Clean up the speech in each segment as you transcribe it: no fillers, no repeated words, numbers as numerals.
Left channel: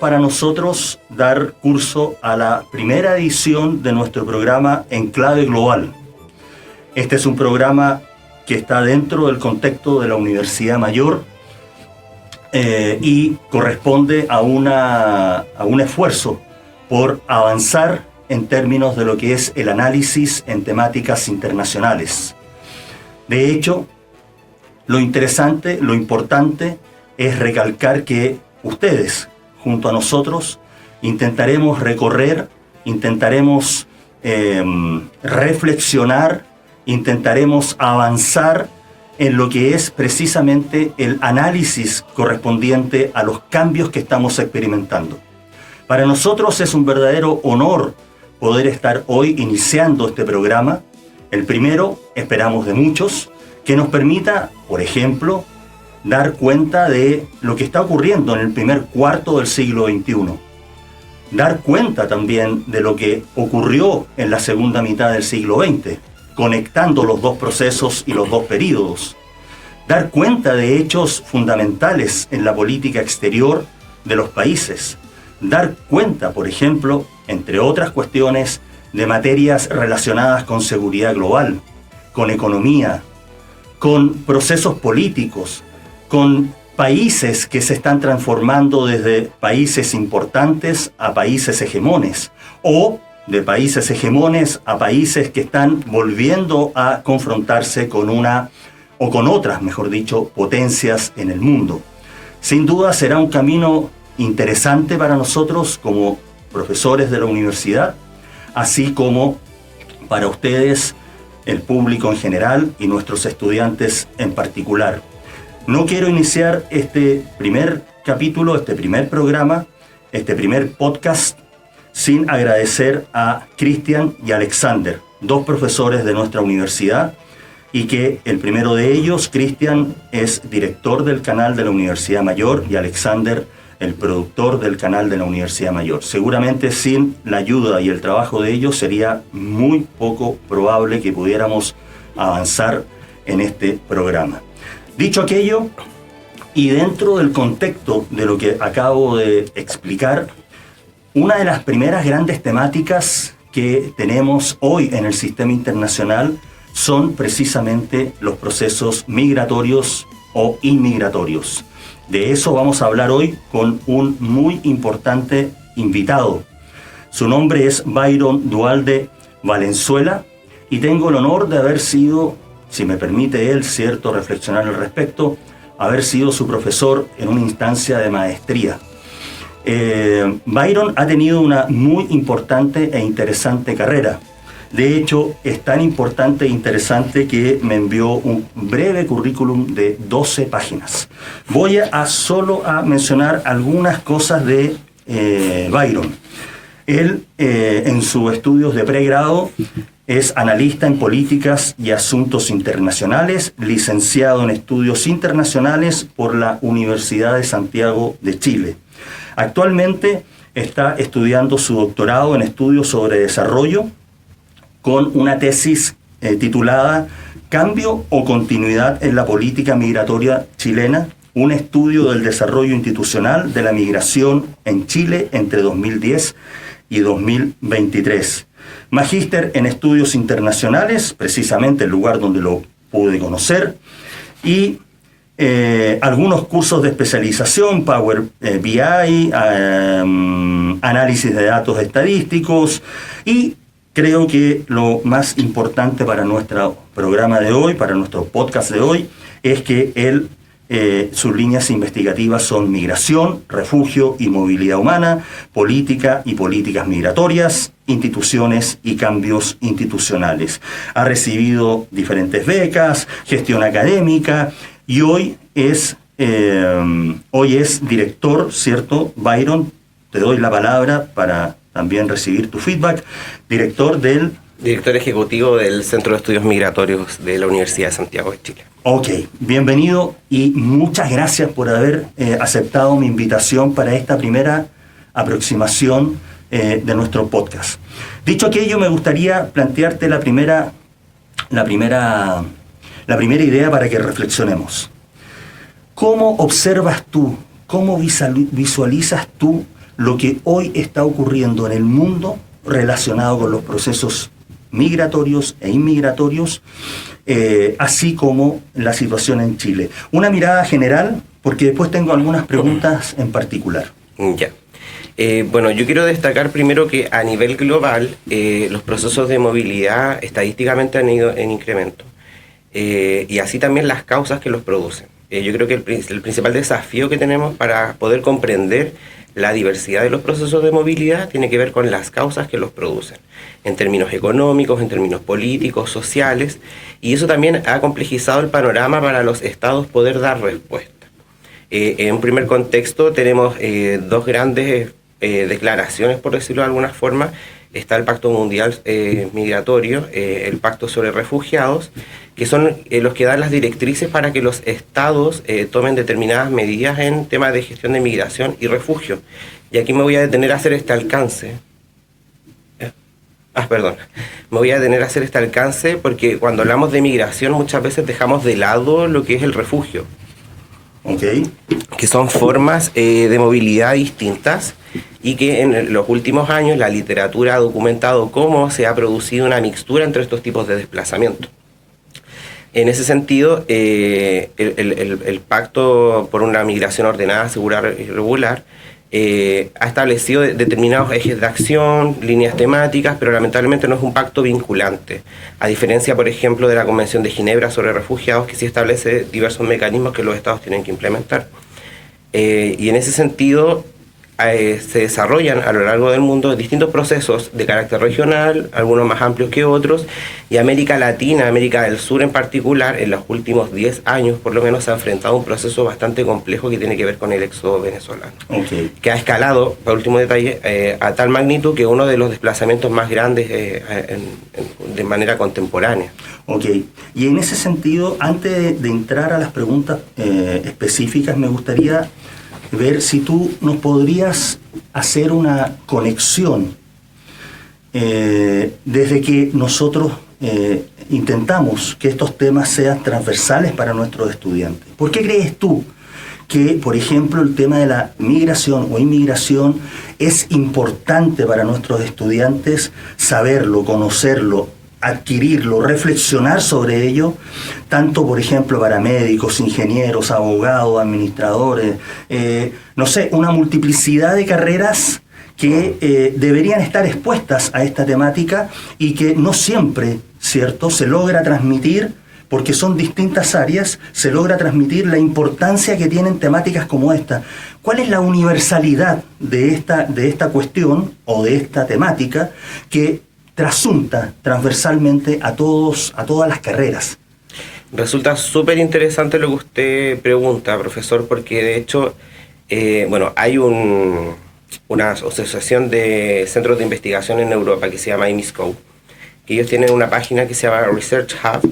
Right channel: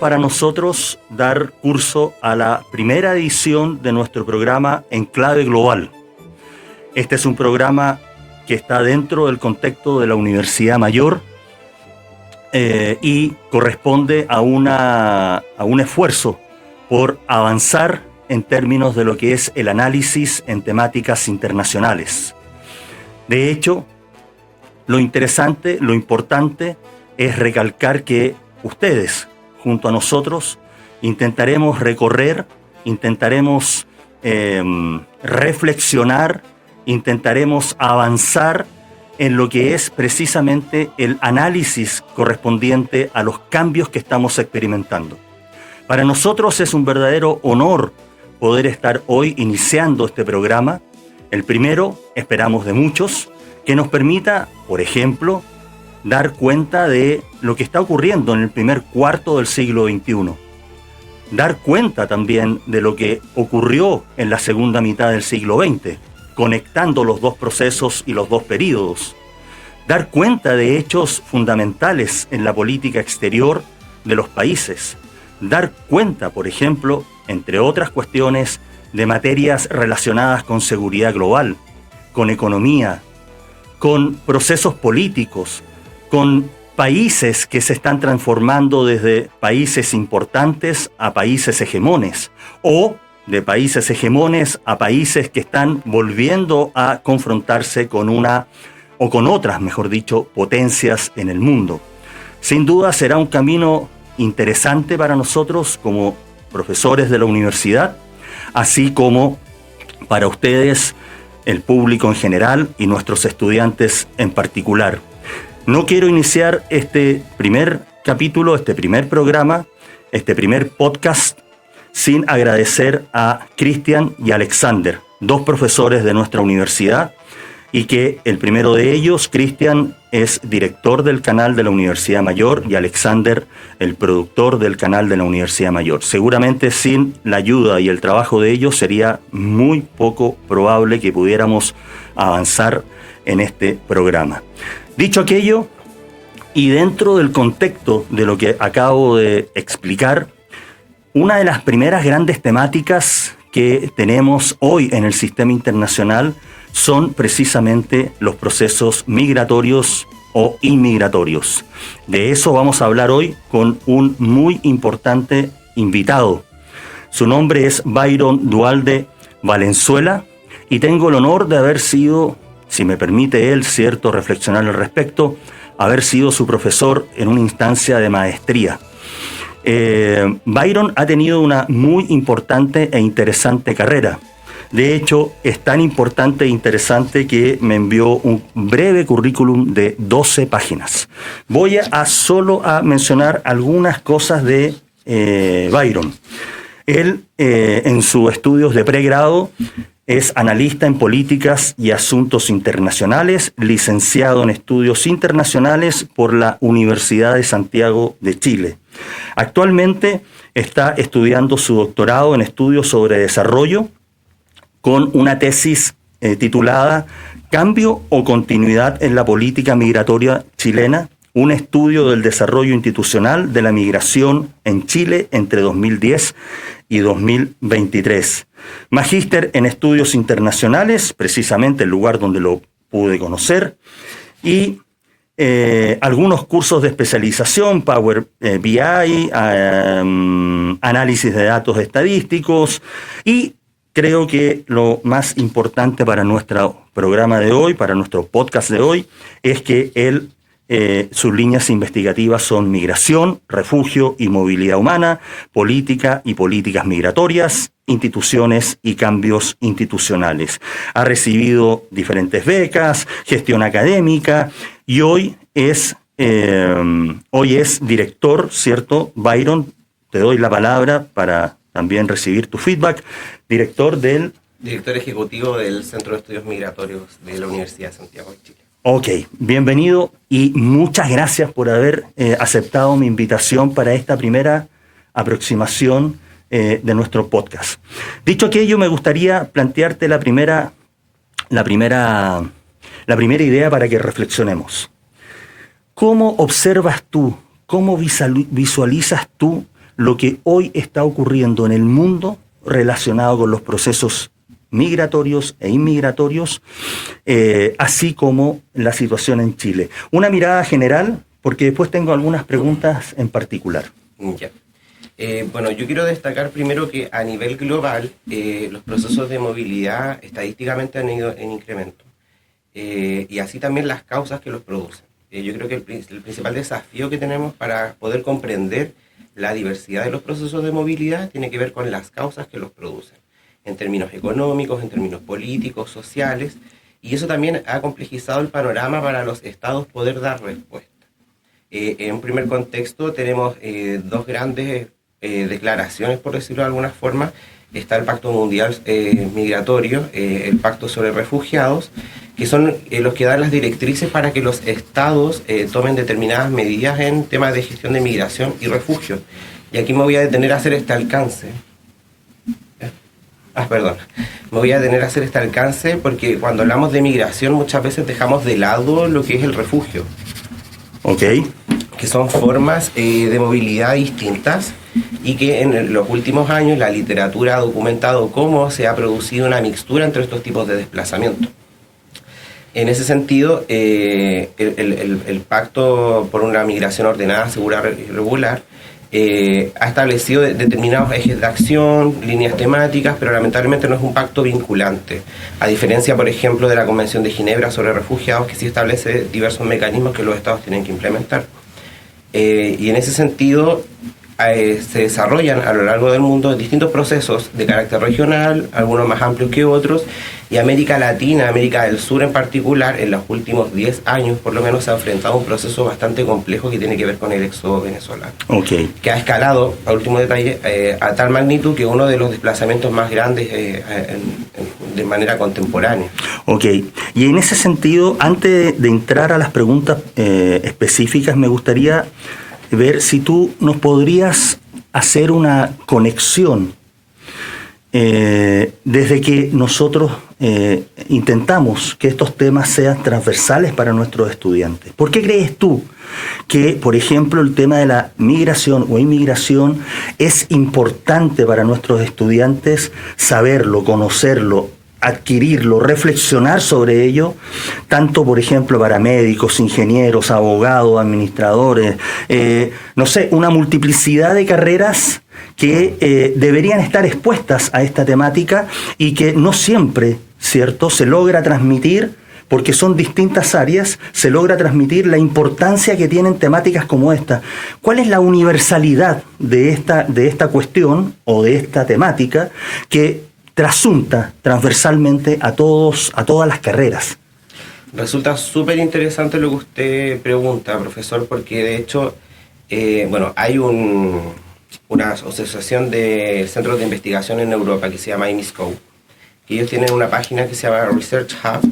para nosotros dar curso a la primera edición de nuestro programa En Clave Global. Este es un programa que está dentro del contexto de la Universidad Mayor y corresponde a un esfuerzo por avanzar en términos de lo que es el análisis en temáticas internacionales. De hecho, lo interesante, lo importante es recalcar que ustedes, junto a nosotros, intentaremos recorrer, intentaremos reflexionar, intentaremos avanzar en lo que es precisamente el análisis correspondiente a los cambios que estamos experimentando. Para nosotros es un verdadero honor poder estar hoy iniciando este programa, el primero, esperamos, de muchos, que nos permita, por ejemplo, dar cuenta de lo que está ocurriendo en el primer cuarto del siglo XXI. Dar cuenta también de lo que ocurrió en la segunda mitad del siglo XX, conectando los dos procesos y los dos períodos. Dar cuenta de hechos fundamentales en la política exterior de los países. Dar cuenta, por ejemplo, entre otras cuestiones, de materias relacionadas con seguridad global, con economía, con procesos políticos, con países que se están transformando desde países importantes a países hegemones, o de países hegemones a países que están volviendo a confrontarse con una, o con otras, mejor dicho, potencias en el mundo. Sin duda será un camino interesante para nosotros como profesores de la universidad, así como para ustedes, el público en general y nuestros estudiantes en particular. No quiero iniciar este primer capítulo, este primer programa, este primer podcast, sin agradecer a Cristian y Alexander, dos profesores de nuestra universidad, y que el primero de ellos, Cristian, es director del canal de la Universidad Mayor y Alexander, el productor del canal de la Universidad Mayor. Seguramente sin la ayuda y el trabajo de ellos sería muy poco probable que pudiéramos avanzar en este programa. Dicho aquello, y dentro del contexto de lo que acabo de explicar, una de las primeras grandes temáticas que tenemos hoy en el sistema internacional son precisamente los procesos migratorios o inmigratorios. De eso vamos a hablar hoy con un muy importante invitado. Su nombre es Byron Duhalde Valenzuela y tengo el honor de haber sido, si me permite él, cierto, reflexionar al respecto, haber sido su profesor en una instancia de maestría. Byron ha tenido una muy importante e interesante carrera. De hecho, es tan importante e interesante que me envió un breve currículum de 12 páginas. Voy a solo a mencionar algunas cosas de Byron. Él, en sus estudios de pregrado, es analista en políticas y asuntos internacionales, licenciado en estudios internacionales por la Universidad de Santiago de Chile. Actualmente está estudiando su doctorado en estudios sobre desarrollo, con una tesis titulada «Cambio o continuidad en la política migratoria chilena, un estudio del desarrollo institucional de la migración en Chile entre 2010 y 2023». Magíster en estudios internacionales, precisamente el lugar donde lo pude conocer, y algunos cursos de especialización, Power BI, análisis de datos estadísticos, y creo que lo más importante para nuestro programa de hoy, para nuestro podcast de hoy, es que sus líneas investigativas son migración, refugio y movilidad humana, política y políticas migratorias, instituciones y cambios institucionales. Ha recibido diferentes becas, gestión académica y hoy es director, ¿cierto? Byron, te doy la palabra para también recibir tu feedback. Director ejecutivo del Centro de Estudios Migratorios de la Universidad de Santiago de Chile. Ok, bienvenido y muchas gracias por haber aceptado mi invitación para esta primera aproximación de nuestro podcast. Dicho aquello, me gustaría plantearte la primera idea para que reflexionemos. ¿Cómo observas tú, cómo visualizas tú lo que hoy está ocurriendo en el mundo relacionado con los procesos migratorios e inmigratorios, así como la situación en Chile. Una mirada general, porque después tengo algunas preguntas en particular. Ya. Bueno, yo quiero destacar primero que a nivel global los procesos de movilidad estadísticamente han ido en incremento, y así también las causas que los producen. Yo creo que el principal desafío que tenemos para poder comprender la diversidad de los procesos de movilidad tiene que ver con las causas que los producen, en términos económicos, en términos políticos, sociales, y eso también ha complejizado el panorama para los estados poder dar respuesta. En un primer contexto tenemos dos grandes declaraciones, por decirlo de alguna forma. Está el Pacto Mundial Migratorio, el Pacto sobre Refugiados, que son los que dan las directrices para que los estados tomen determinadas medidas en temas de gestión de migración y refugio. Y aquí me voy a detener a hacer este alcance. Me voy a detener a hacer este alcance porque cuando hablamos de migración muchas veces dejamos de lado lo que es el refugio. Ok. Que son formas de movilidad distintas y que en los últimos años la literatura ha documentado cómo se ha producido una mixtura entre estos tipos de desplazamiento. En ese sentido, el Pacto por una Migración Ordenada, Segura y Regular ha establecido determinados ejes de acción, líneas temáticas, pero lamentablemente no es un pacto vinculante, a diferencia, por ejemplo, de la Convención de Ginebra sobre Refugiados, que sí establece diversos mecanismos que los estados tienen que implementar. Y en ese sentido se desarrollan a lo largo del mundo distintos procesos de carácter regional, algunos más amplios que otros, y América Latina, América del Sur en particular, en los últimos 10 años por lo menos se ha enfrentado a un proceso bastante complejo que tiene que ver con el éxodo venezolano, que ha escalado, por último detalle, a tal magnitud que uno de los desplazamientos más grandes de manera contemporánea. Ok, y en ese sentido, antes de entrar a las preguntas específicas, me gustaría ver si tú nos podrías hacer una conexión desde que nosotros intentamos que estos temas sean transversales para nuestros estudiantes. ¿Por qué crees tú que, por ejemplo, el tema de la migración o inmigración es importante para nuestros estudiantes saberlo, conocerlo, adquirirlo, reflexionar sobre ello, tanto, por ejemplo, para médicos, ingenieros, abogados, administradores, no sé, una multiplicidad de carreras que deberían estar expuestas a esta temática y que no siempre, ¿cierto?, se logra transmitir, porque son distintas áreas, se logra transmitir la importancia que tienen temáticas como esta. ¿Cuál es la universalidad de esta cuestión o de esta temática que trasunta transversalmente a todas las carreras? Resulta súper interesante lo que usted pregunta, profesor, porque de hecho, hay una asociación de centros de investigación en Europa que se llama IMISCO, que ellos tienen una página que se llama Research Hub,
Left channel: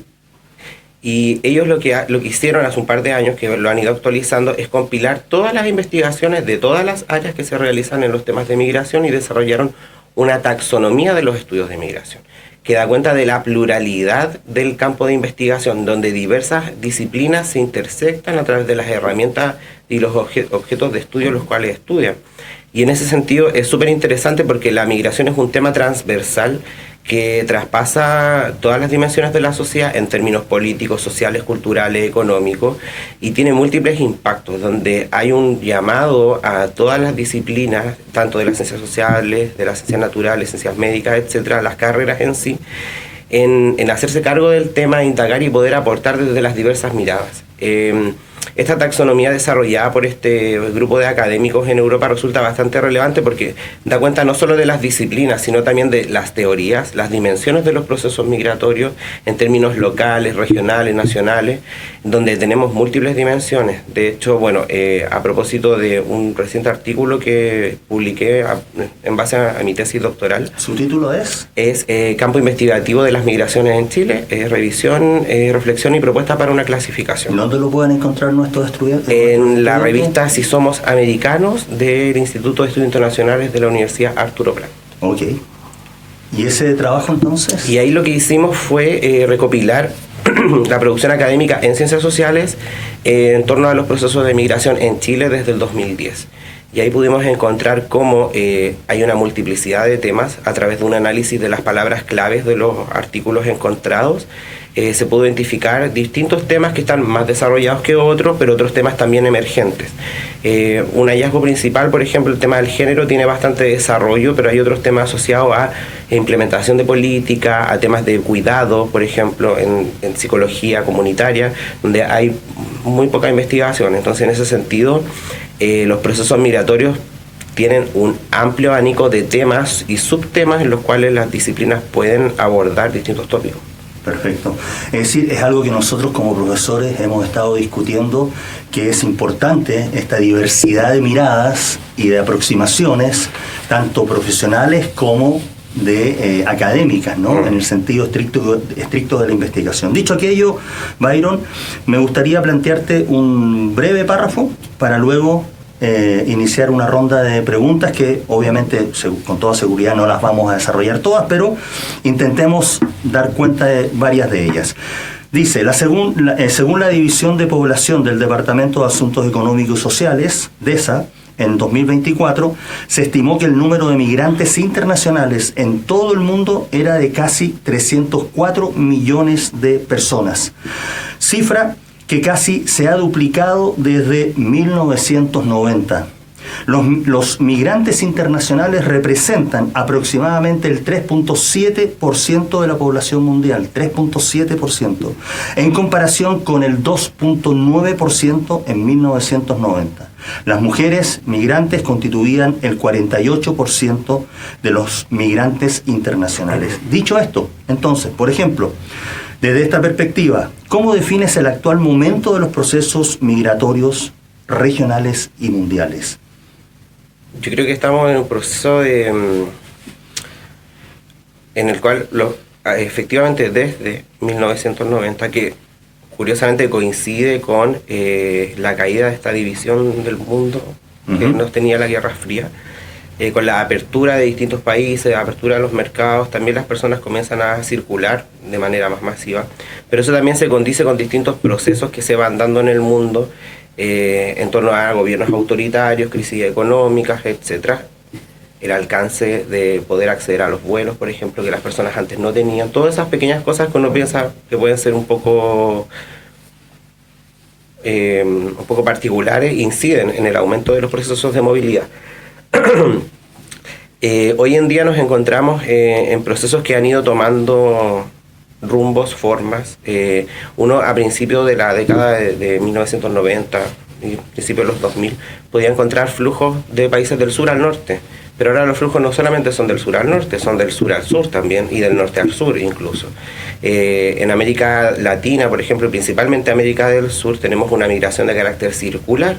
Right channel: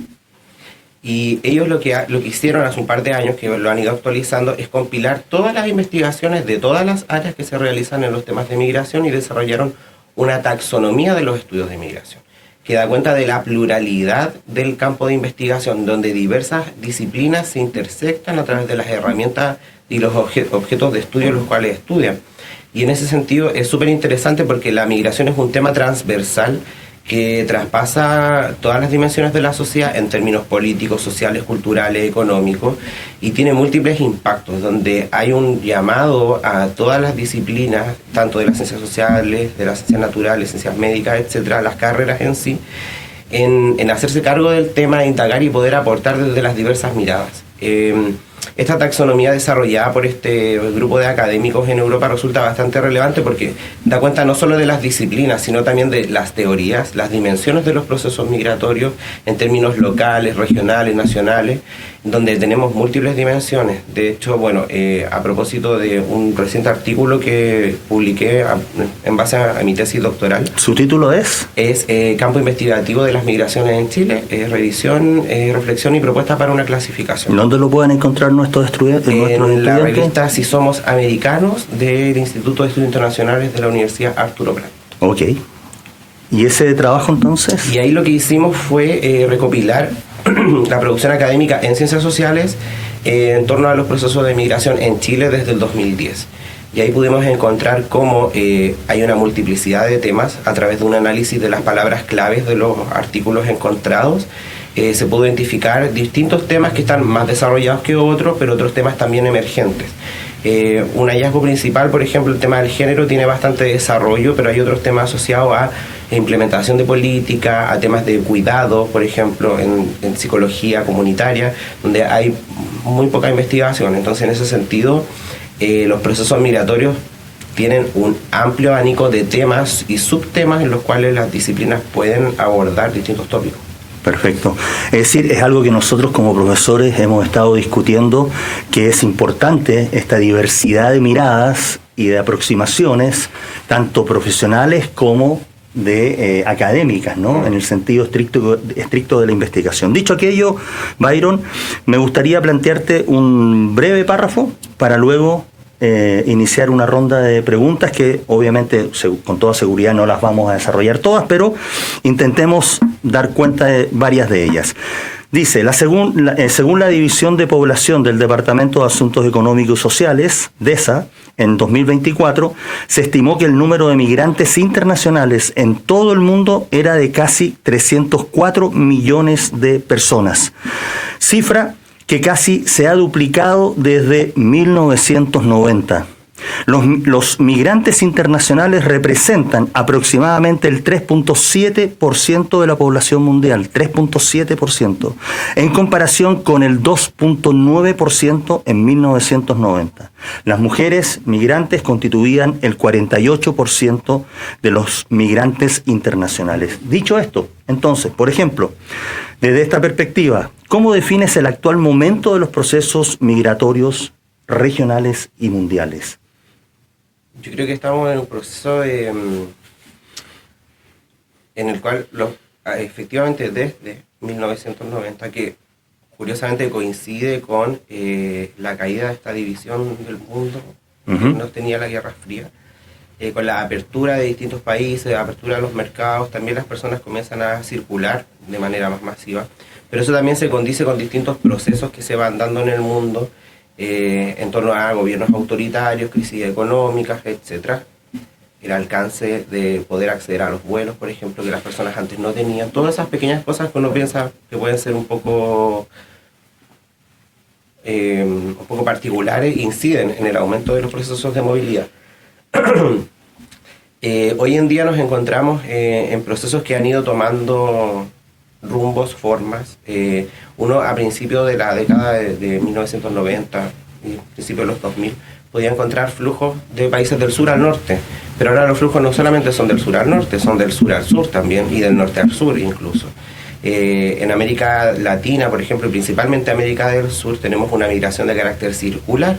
y ellos lo que hicieron hace un par de años, que lo han ido actualizando, es compilar todas las investigaciones de todas las áreas que se realizan en los temas de migración y desarrollaron una taxonomía de los estudios de migración, que da cuenta de la pluralidad del campo de investigación, donde diversas disciplinas se intersectan a través de las herramientas y los objetos de estudio los cuales estudian. Y en ese sentido es súper interesante porque la migración es un tema transversal que traspasa todas las dimensiones de la sociedad en términos políticos, sociales, culturales, económicos, y tiene múltiples impactos, donde hay un llamado a todas las disciplinas, tanto de las ciencias sociales, de las ciencias naturales, ciencias médicas, etcétera, las carreras en sí, en hacerse cargo del tema, indagar y poder aportar desde las diversas miradas. Esta taxonomía desarrollada por este grupo de académicos en Europa resulta bastante relevante porque da cuenta no solo de las disciplinas, sino también de las teorías, las dimensiones de los procesos migratorios en términos locales, regionales, nacionales, donde tenemos múltiples dimensiones. De hecho, a propósito de un reciente artículo que publiqué en base a mi tesis doctoral. ¿Su título es? Es Campo Investigativo de las Migraciones en Chile, revisión, reflexión y propuesta para una clasificación. ¿Dónde lo pueden encontrar nuestros estudiantes? En la revista Si Somos Americanos del Instituto de Estudios Internacionales de la Universidad Arturo Prat. Ok. ¿Y ese trabajo entonces? Y ahí lo que hicimos fue recopilar la producción académica en ciencias sociales en torno a los procesos de migración en Chile desde el 2010. y ahí pudimos encontrar cómo hay una multiplicidad de temas a través de un análisis de las palabras claves de los artículos encontrados. Se pudo identificar distintos temas que están más desarrollados que otros, pero otros temas también emergentes. Un hallazgo principal, por ejemplo, el tema del género tiene bastante desarrollo, pero hay otros temas asociados a implementación de política, a temas de cuidado, por ejemplo, en psicología comunitaria, donde hay muy poca investigación. Entonces, en ese sentido, los procesos migratorios tienen un amplio abanico de temas y subtemas en los cuales las disciplinas pueden abordar distintos tópicos. Perfecto. Es decir, es algo que nosotros como profesores hemos estado discutiendo, que es importante esta diversidad de miradas y de aproximaciones, tanto profesionales como de académicas, ¿no? En el sentido estricto de la investigación. Dicho aquello, Byron, me gustaría plantearte un breve párrafo para luego iniciar una ronda de preguntas que obviamente con toda seguridad no las vamos a desarrollar todas, pero intentemos dar cuenta de varias de ellas. Dice, según la División de Población del Departamento de Asuntos Económicos y Sociales, DESA, en 2024, se estimó que el número de migrantes internacionales en todo el mundo era de casi 304 millones de personas. Cifra que casi se ha duplicado desde 1990. Los migrantes internacionales representan aproximadamente el 3.7% de la población mundial, 3.7%, en comparación con el 2.9% en 1990. Las mujeres migrantes constituían el 48% de los migrantes internacionales. Dicho esto, entonces, por ejemplo, desde esta perspectiva, ¿cómo defines el actual momento de los procesos migratorios regionales y mundiales? Yo creo que estamos en un proceso en el cual efectivamente desde 1990, que curiosamente coincide con la caída de esta división del mundo que nos tenía la Guerra Fría, con la apertura de distintos países, la apertura de los mercados, también las personas comienzan a circular de manera más masiva, pero eso también se condice con distintos procesos que se van dando en el mundo en torno a gobiernos autoritarios, crisis económicas, etc. El alcance de poder acceder a los vuelos, por ejemplo, que las personas antes no tenían. Todas esas pequeñas cosas que uno piensa que pueden ser un poco particulares inciden en el aumento de los procesos de movilidad. Hoy en día nos encontramos en procesos que han ido tomando rumbos, formas. Uno a principios de la década de 1990 y principios de los 2000 podía encontrar flujos de países del sur al norte, pero ahora los flujos no solamente son del sur al norte, son del sur al sur también y del norte al sur incluso. En América Latina, por ejemplo, y principalmente América del Sur, tenemos una migración de carácter circular,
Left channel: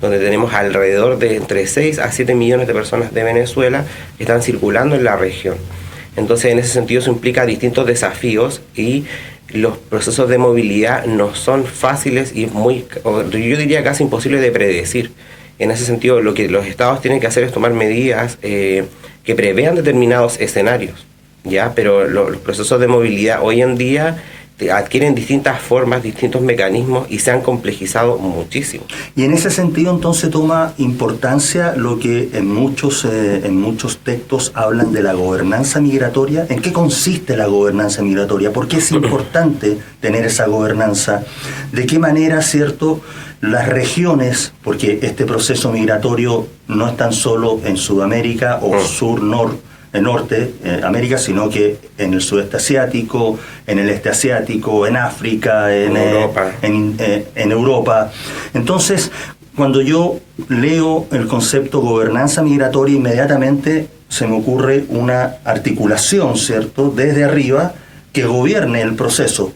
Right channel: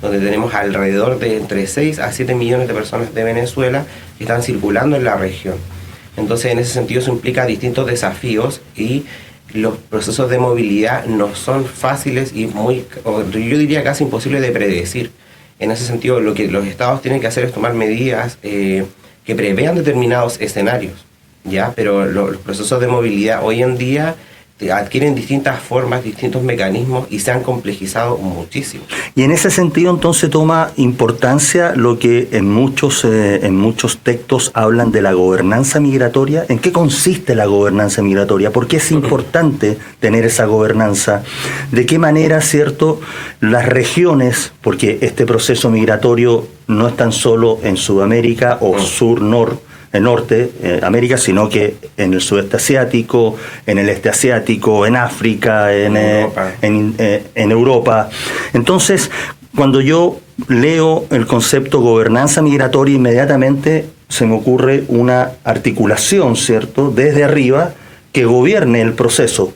donde tenemos alrededor de entre 6 a 7 millones de personas de Venezuela que están circulando en la región. Entonces, en ese sentido, eso implica distintos desafíos y los procesos de movilidad no son fáciles y yo diría casi imposibles de predecir. En ese sentido, lo que los estados tienen que hacer es tomar medidas que prevean determinados escenarios, ¿ya? Pero los procesos de movilidad hoy en día adquieren distintas formas, distintos mecanismos y se han complejizado muchísimo. Y en ese sentido entonces toma importancia lo que en muchos textos hablan de la gobernanza migratoria. ¿En qué consiste la gobernanza migratoria? ¿Por qué es importante tener esa gobernanza? ¿De qué manera, cierto, las regiones, porque este proceso migratorio no es tan solo en Sudamérica o norte, América, sino que en el sudeste asiático, en el este asiático, en África, en Europa. Entonces, cuando yo leo el concepto gobernanza migratoria, inmediatamente se me ocurre una articulación, ¿cierto?, desde arriba que gobierne el proceso.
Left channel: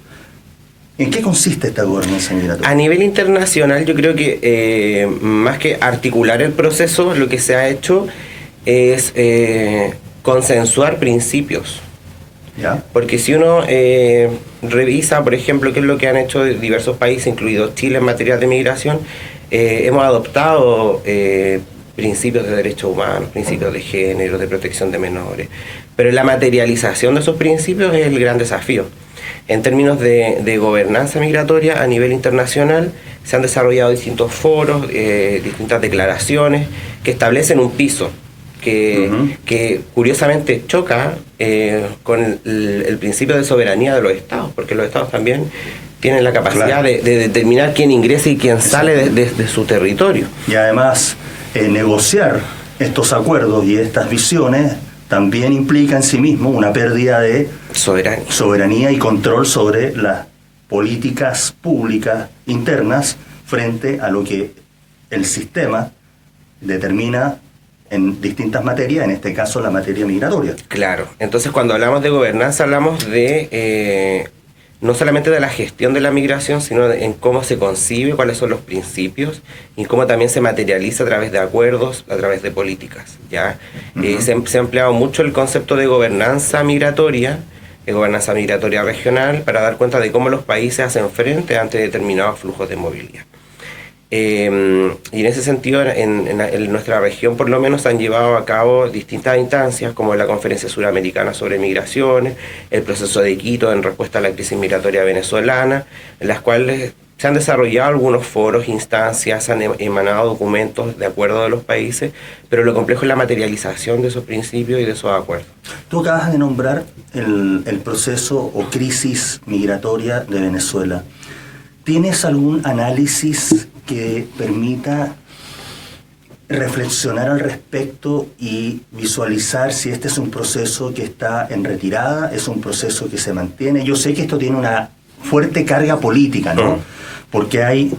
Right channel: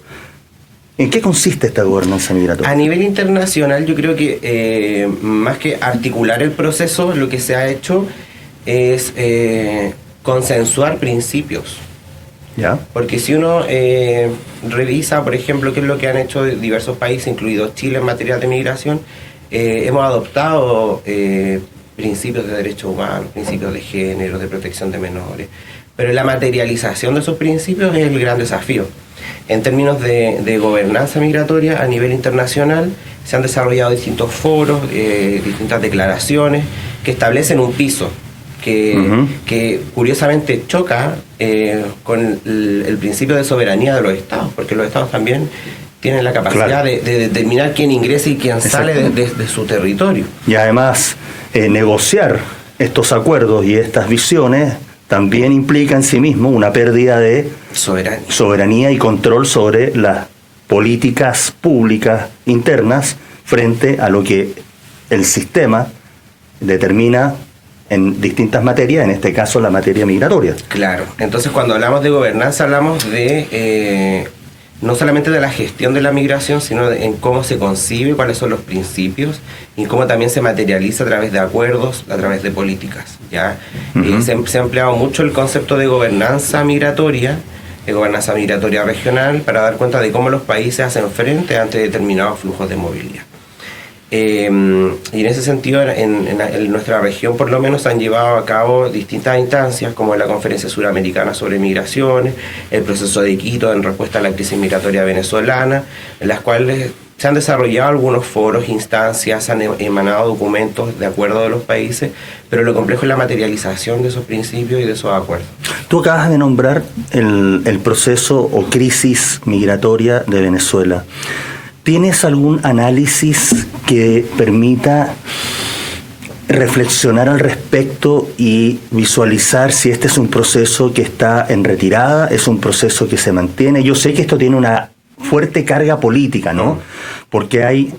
¿En qué consiste esta gobernanza migratoria? A nivel internacional, yo creo que más que articular el proceso, lo que se ha hecho es consensuar principios. ¿Ya? Porque si uno revisa, por ejemplo, qué es lo que han hecho diversos países, incluido Chile, en materia de migración, hemos adoptado principios de derechos humanos, principios de género, de protección de menores, pero la materialización de esos principios es el gran desafío. En términos de gobernanza migratoria a nivel internacional, se han desarrollado distintos foros, distintas declaraciones que establecen un piso que curiosamente choca con el principio de soberanía de los estados, porque los estados también tienen la capacidad de determinar quién ingresa y quién sale de su territorio. Y además, negociar estos acuerdos y estas visiones también implica en sí mismo una pérdida de soberanía y control sobre las políticas públicas internas frente a lo que el sistema determina en distintas materias, en este caso la materia migratoria. Claro, entonces cuando hablamos de gobernanza hablamos de no solamente de la gestión de la migración, sino en cómo se concibe, cuáles son los principios y cómo también se materializa a través de acuerdos, a través de políticas, ¿ya? Se ha empleado mucho el concepto de gobernanza migratoria regional, para dar cuenta de cómo los países hacen frente ante determinados flujos de movilidad. Y en ese sentido, en nuestra región por lo menos han llevado a cabo distintas instancias, como la Conferencia Suramericana sobre Migraciones, el proceso de Quito en respuesta a la crisis migratoria venezolana, en las cuales se han desarrollado algunos foros, instancias, han emanado documentos de acuerdo de los países, pero lo complejo es la materialización de esos principios y de esos acuerdos. Tú acabas de nombrar el proceso o crisis migratoria de Venezuela. ¿Tienes algún análisis que permita reflexionar al respecto y visualizar si este es un proceso que está en retirada, es un proceso que se mantiene? Yo sé que esto tiene una fuerte carga política, ¿no? Porque hay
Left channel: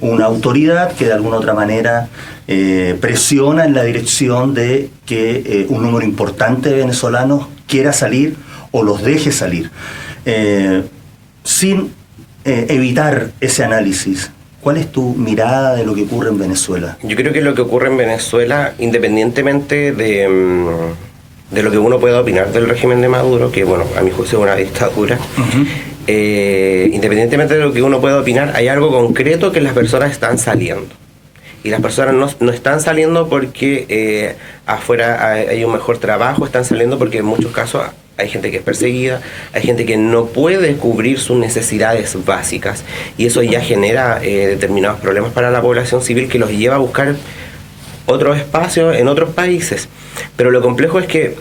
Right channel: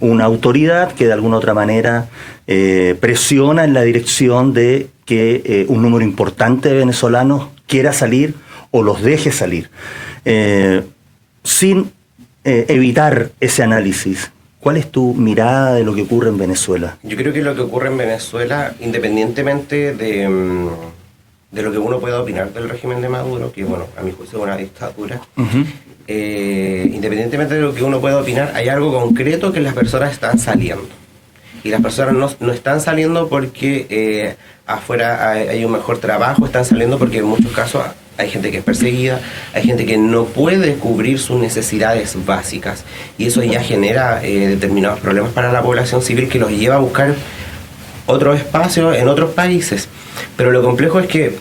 una autoridad que de alguna otra manera presiona en la dirección de que un número importante de venezolanos quiera salir o los deje salir. Sin evitar ese análisis, ¿cuál es tu mirada de lo que ocurre en Venezuela? Yo creo que lo que ocurre en Venezuela, independientemente de lo que uno pueda opinar del régimen de Maduro, que bueno, a mi juicio es una dictadura, independientemente de lo que uno pueda opinar, hay algo concreto que las personas están saliendo. Y las personas no están saliendo porque afuera hay un mejor trabajo, están saliendo porque en muchos casos hay gente que es perseguida, hay gente que no puede cubrir sus necesidades básicas, y eso ya genera determinados problemas para la población civil que los lleva a buscar otros espacios en otros países. Pero lo complejo es que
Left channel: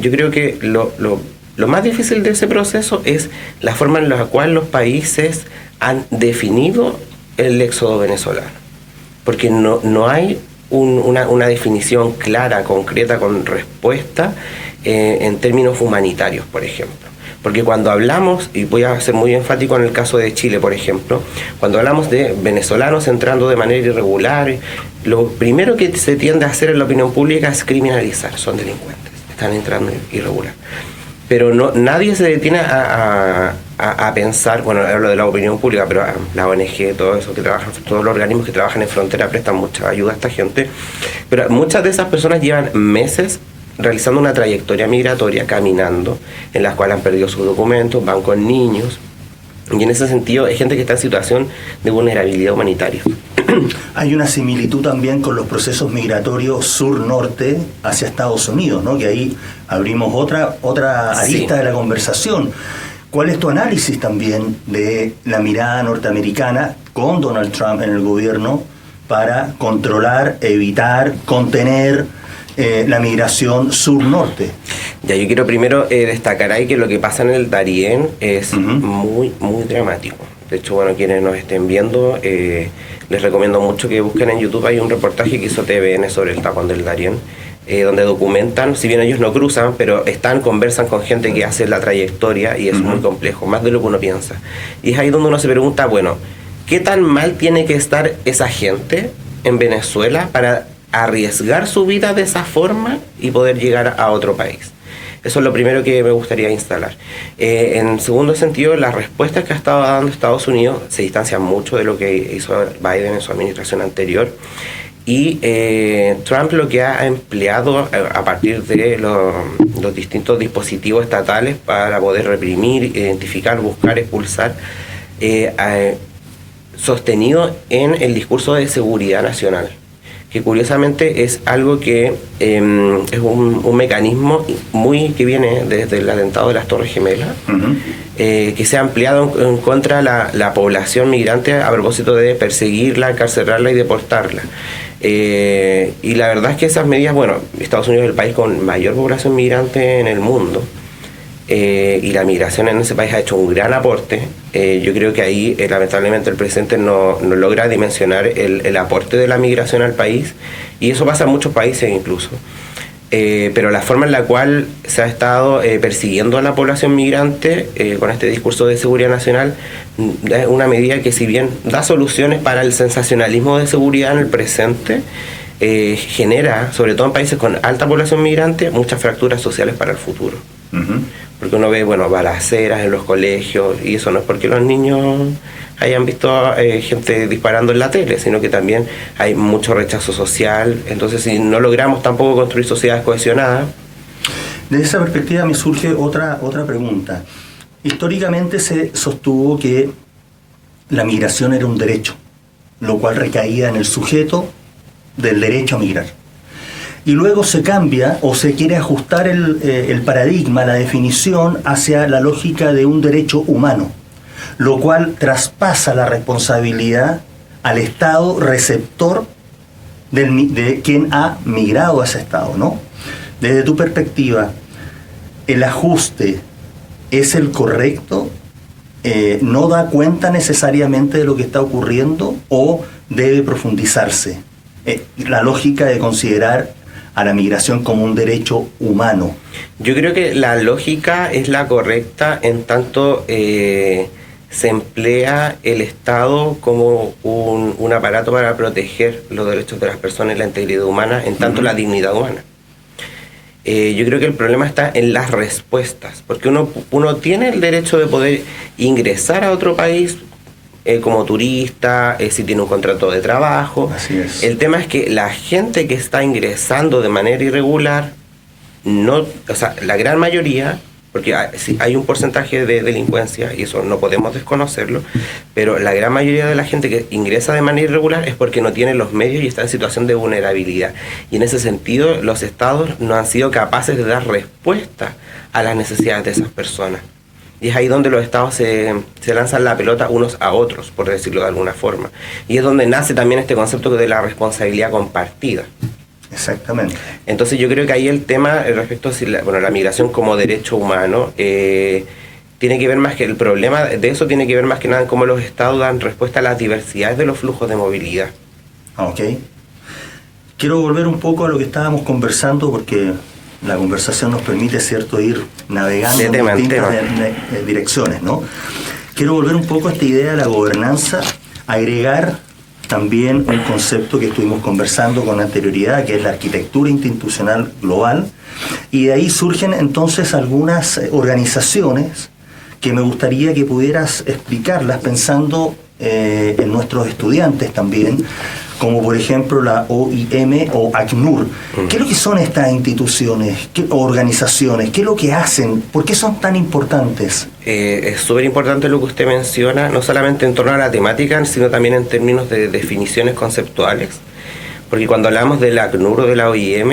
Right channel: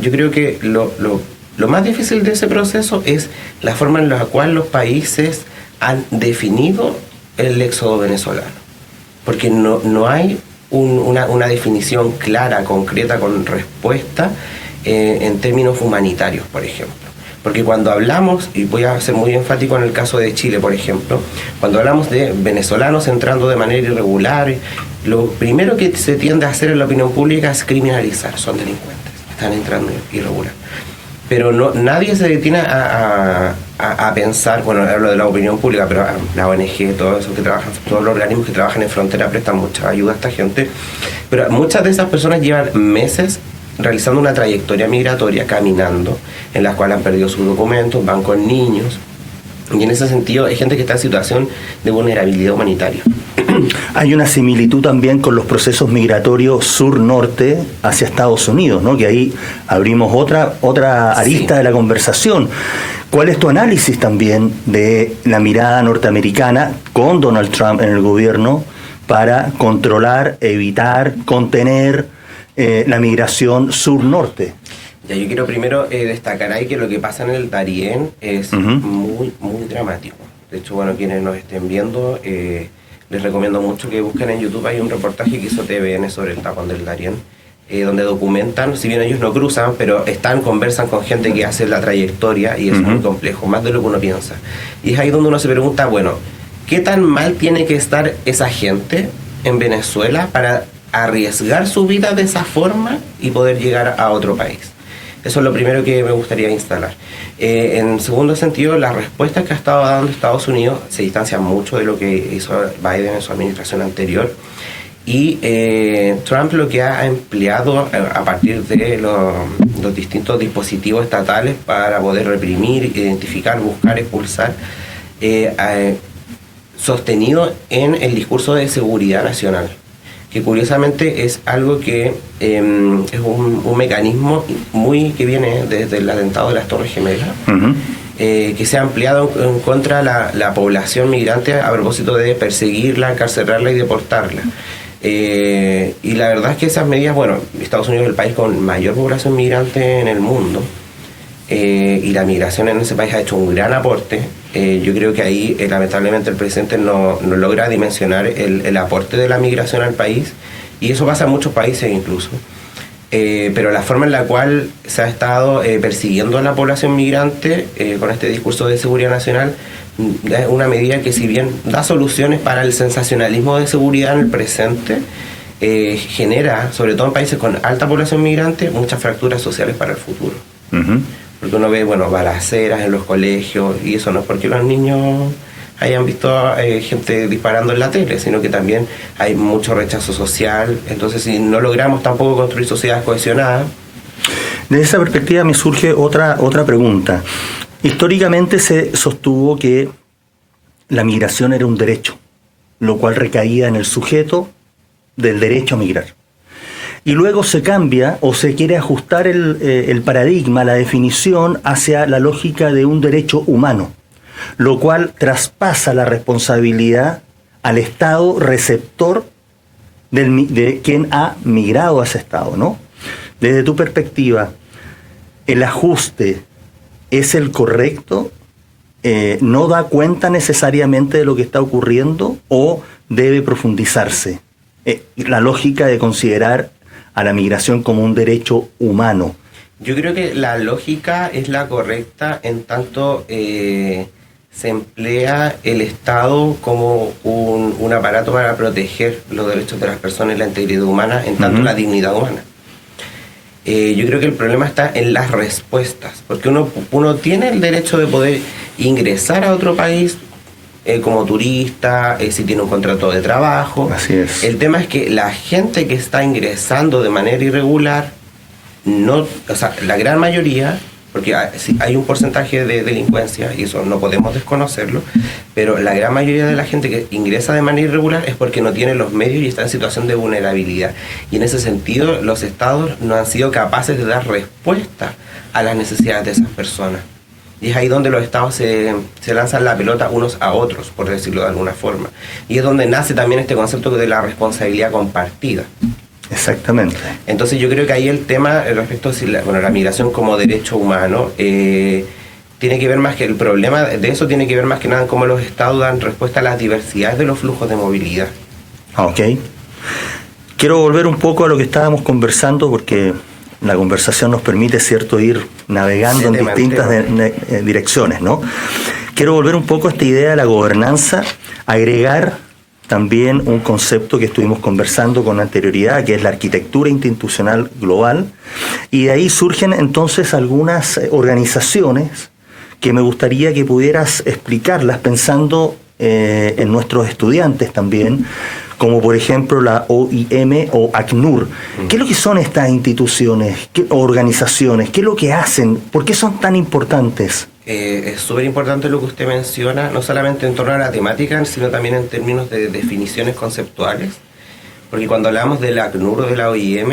yo creo que lo más difícil de ese proceso es la forma en la cual los países han definido el éxodo venezolano. Porque no hay una definición clara, concreta, con respuesta en términos humanitarios, por ejemplo. Porque cuando hablamos, y voy a ser muy enfático en el caso de Chile, por ejemplo, cuando hablamos de venezolanos entrando de manera irregular, lo primero que se tiende a hacer en la opinión pública es criminalizar, son delincuentes, están entrando irregular. Pero nadie se detiene a pensar, bueno, hablo de la opinión pública, pero la ONG, todos los organismos que trabajan en frontera prestan mucha ayuda a esta gente, pero muchas de esas personas llevan meses realizando una trayectoria migratoria, caminando, en la cual han perdido sus documentos, van con niños, y en ese sentido hay gente que está en situación de vulnerabilidad humanitaria. Hay una similitud también con los procesos migratorios sur-norte hacia Estados Unidos, ¿no? Que ahí abrimos otra arista de la conversación. ¿Cuál es tu análisis también de la mirada norteamericana con Donald Trump en el gobierno para controlar, evitar, contener la migración sur-norte? Ya, yo quiero primero destacar ahí que lo que pasa en el Darién es muy, muy dramático. De hecho, bueno, quienes nos estén viendo, les recomiendo mucho que busquen en YouTube. Hay un reportaje que hizo TVN sobre el tapón del Darién, donde documentan, si bien ellos no cruzan, pero conversan con gente que hace la trayectoria, y es muy complejo, más de lo que uno piensa. Y es ahí donde uno se pregunta, bueno, ¿qué tan mal tiene que estar esa gente en Venezuela para arriesgar su vida de esa forma y poder llegar a otro país? Eso es lo primero que me gustaría instalar. En segundo sentido, las respuestas que ha estado dando Estados Unidos se distancian mucho de lo que hizo Biden en su administración anterior, y Trump lo que ha empleado a partir de los distintos dispositivos estatales para poder reprimir, identificar, buscar, expulsar, sostenido en el discurso de seguridad nacional. que curiosamente es algo que es un mecanismo que viene desde el atentado de las Torres Gemelas, que se ha ampliado en contra de la población migrante a propósito de perseguirla, encarcelarla y deportarla. Y la verdad es que esas medidas, bueno, Estados Unidos es el país con mayor población migrante en el mundo, y la migración en ese país ha hecho un gran aporte. Yo creo que ahí lamentablemente el presidente no logra dimensionar el aporte de la migración al país, y eso pasa en muchos países incluso. Pero la forma en la cual se ha estado persiguiendo a la población migrante con este discurso de seguridad nacional es una medida que, si bien da soluciones para el sensacionalismo de seguridad en el presente, genera, sobre todo en países con alta población migrante, muchas fracturas sociales para el futuro. Porque uno ve, bueno, balaceras en los colegios, y eso no es porque los niños hayan visto gente disparando en la tele, sino que también hay mucho rechazo social. Entonces, si no logramos tampoco construir sociedades cohesionadas... Desde esa perspectiva me surge otra pregunta. Históricamente se sostuvo que la migración era un derecho, lo cual recaía en el sujeto del derecho a migrar. Y luego se cambia o se quiere ajustar el paradigma, la definición, hacia la lógica de un derecho humano, lo cual traspasa la responsabilidad al Estado receptor de quien ha migrado a ese Estado, ¿no? Desde tu perspectiva, ¿el ajuste es el correcto? ¿No da cuenta necesariamente de lo que está ocurriendo o debe profundizarse la lógica de considerar a la migración como un derecho humano? Yo creo que la lógica es la correcta en tanto se emplea el Estado como un aparato para proteger los derechos de las personas y la integridad humana, en tanto la dignidad humana. Yo creo que el problema está en las respuestas, porque uno tiene el derecho de poder ingresar a otro país como turista, si tiene un contrato de trabajo. Así es. El tema es que la gente que está ingresando de manera irregular, la gran mayoría, porque hay un porcentaje de delincuencia, y eso no podemos desconocerlo, pero la gran mayoría de la gente que ingresa de manera irregular es porque no tiene los medios y está en situación de vulnerabilidad. Y en ese sentido, los estados no han sido capaces de dar respuesta a las necesidades de esas personas. Y es ahí donde los estados se lanzan la pelota unos a otros, por decirlo de alguna forma. Y es donde nace también este concepto de la responsabilidad compartida. Exactamente. Entonces yo creo que ahí el tema respecto a la migración como derecho humano tiene que ver más que el problema de eso, tiene que ver más que nada en cómo los estados dan respuesta a las diversidades de los flujos de movilidad. Ok. Quiero volver un poco a lo que estábamos conversando, porque la conversación nos permite, ¿cierto?, ir navegando en distintas direcciones, ¿no? Quiero volver un poco a esta idea de la gobernanza, agregar también un concepto que estuvimos conversando con anterioridad, que es la arquitectura institucional global, y de ahí surgen entonces algunas organizaciones que me gustaría que pudieras explicarlas pensando en nuestros estudiantes también, como por ejemplo la OIM o ACNUR. ¿Qué es lo que son estas instituciones o organizaciones? ¿Qué es lo que hacen? ¿Por qué son tan importantes? Es súper importante lo que usted menciona, no solamente en torno a la temática, sino también en términos de definiciones conceptuales. Porque cuando hablamos de la ACNUR o de la OIM,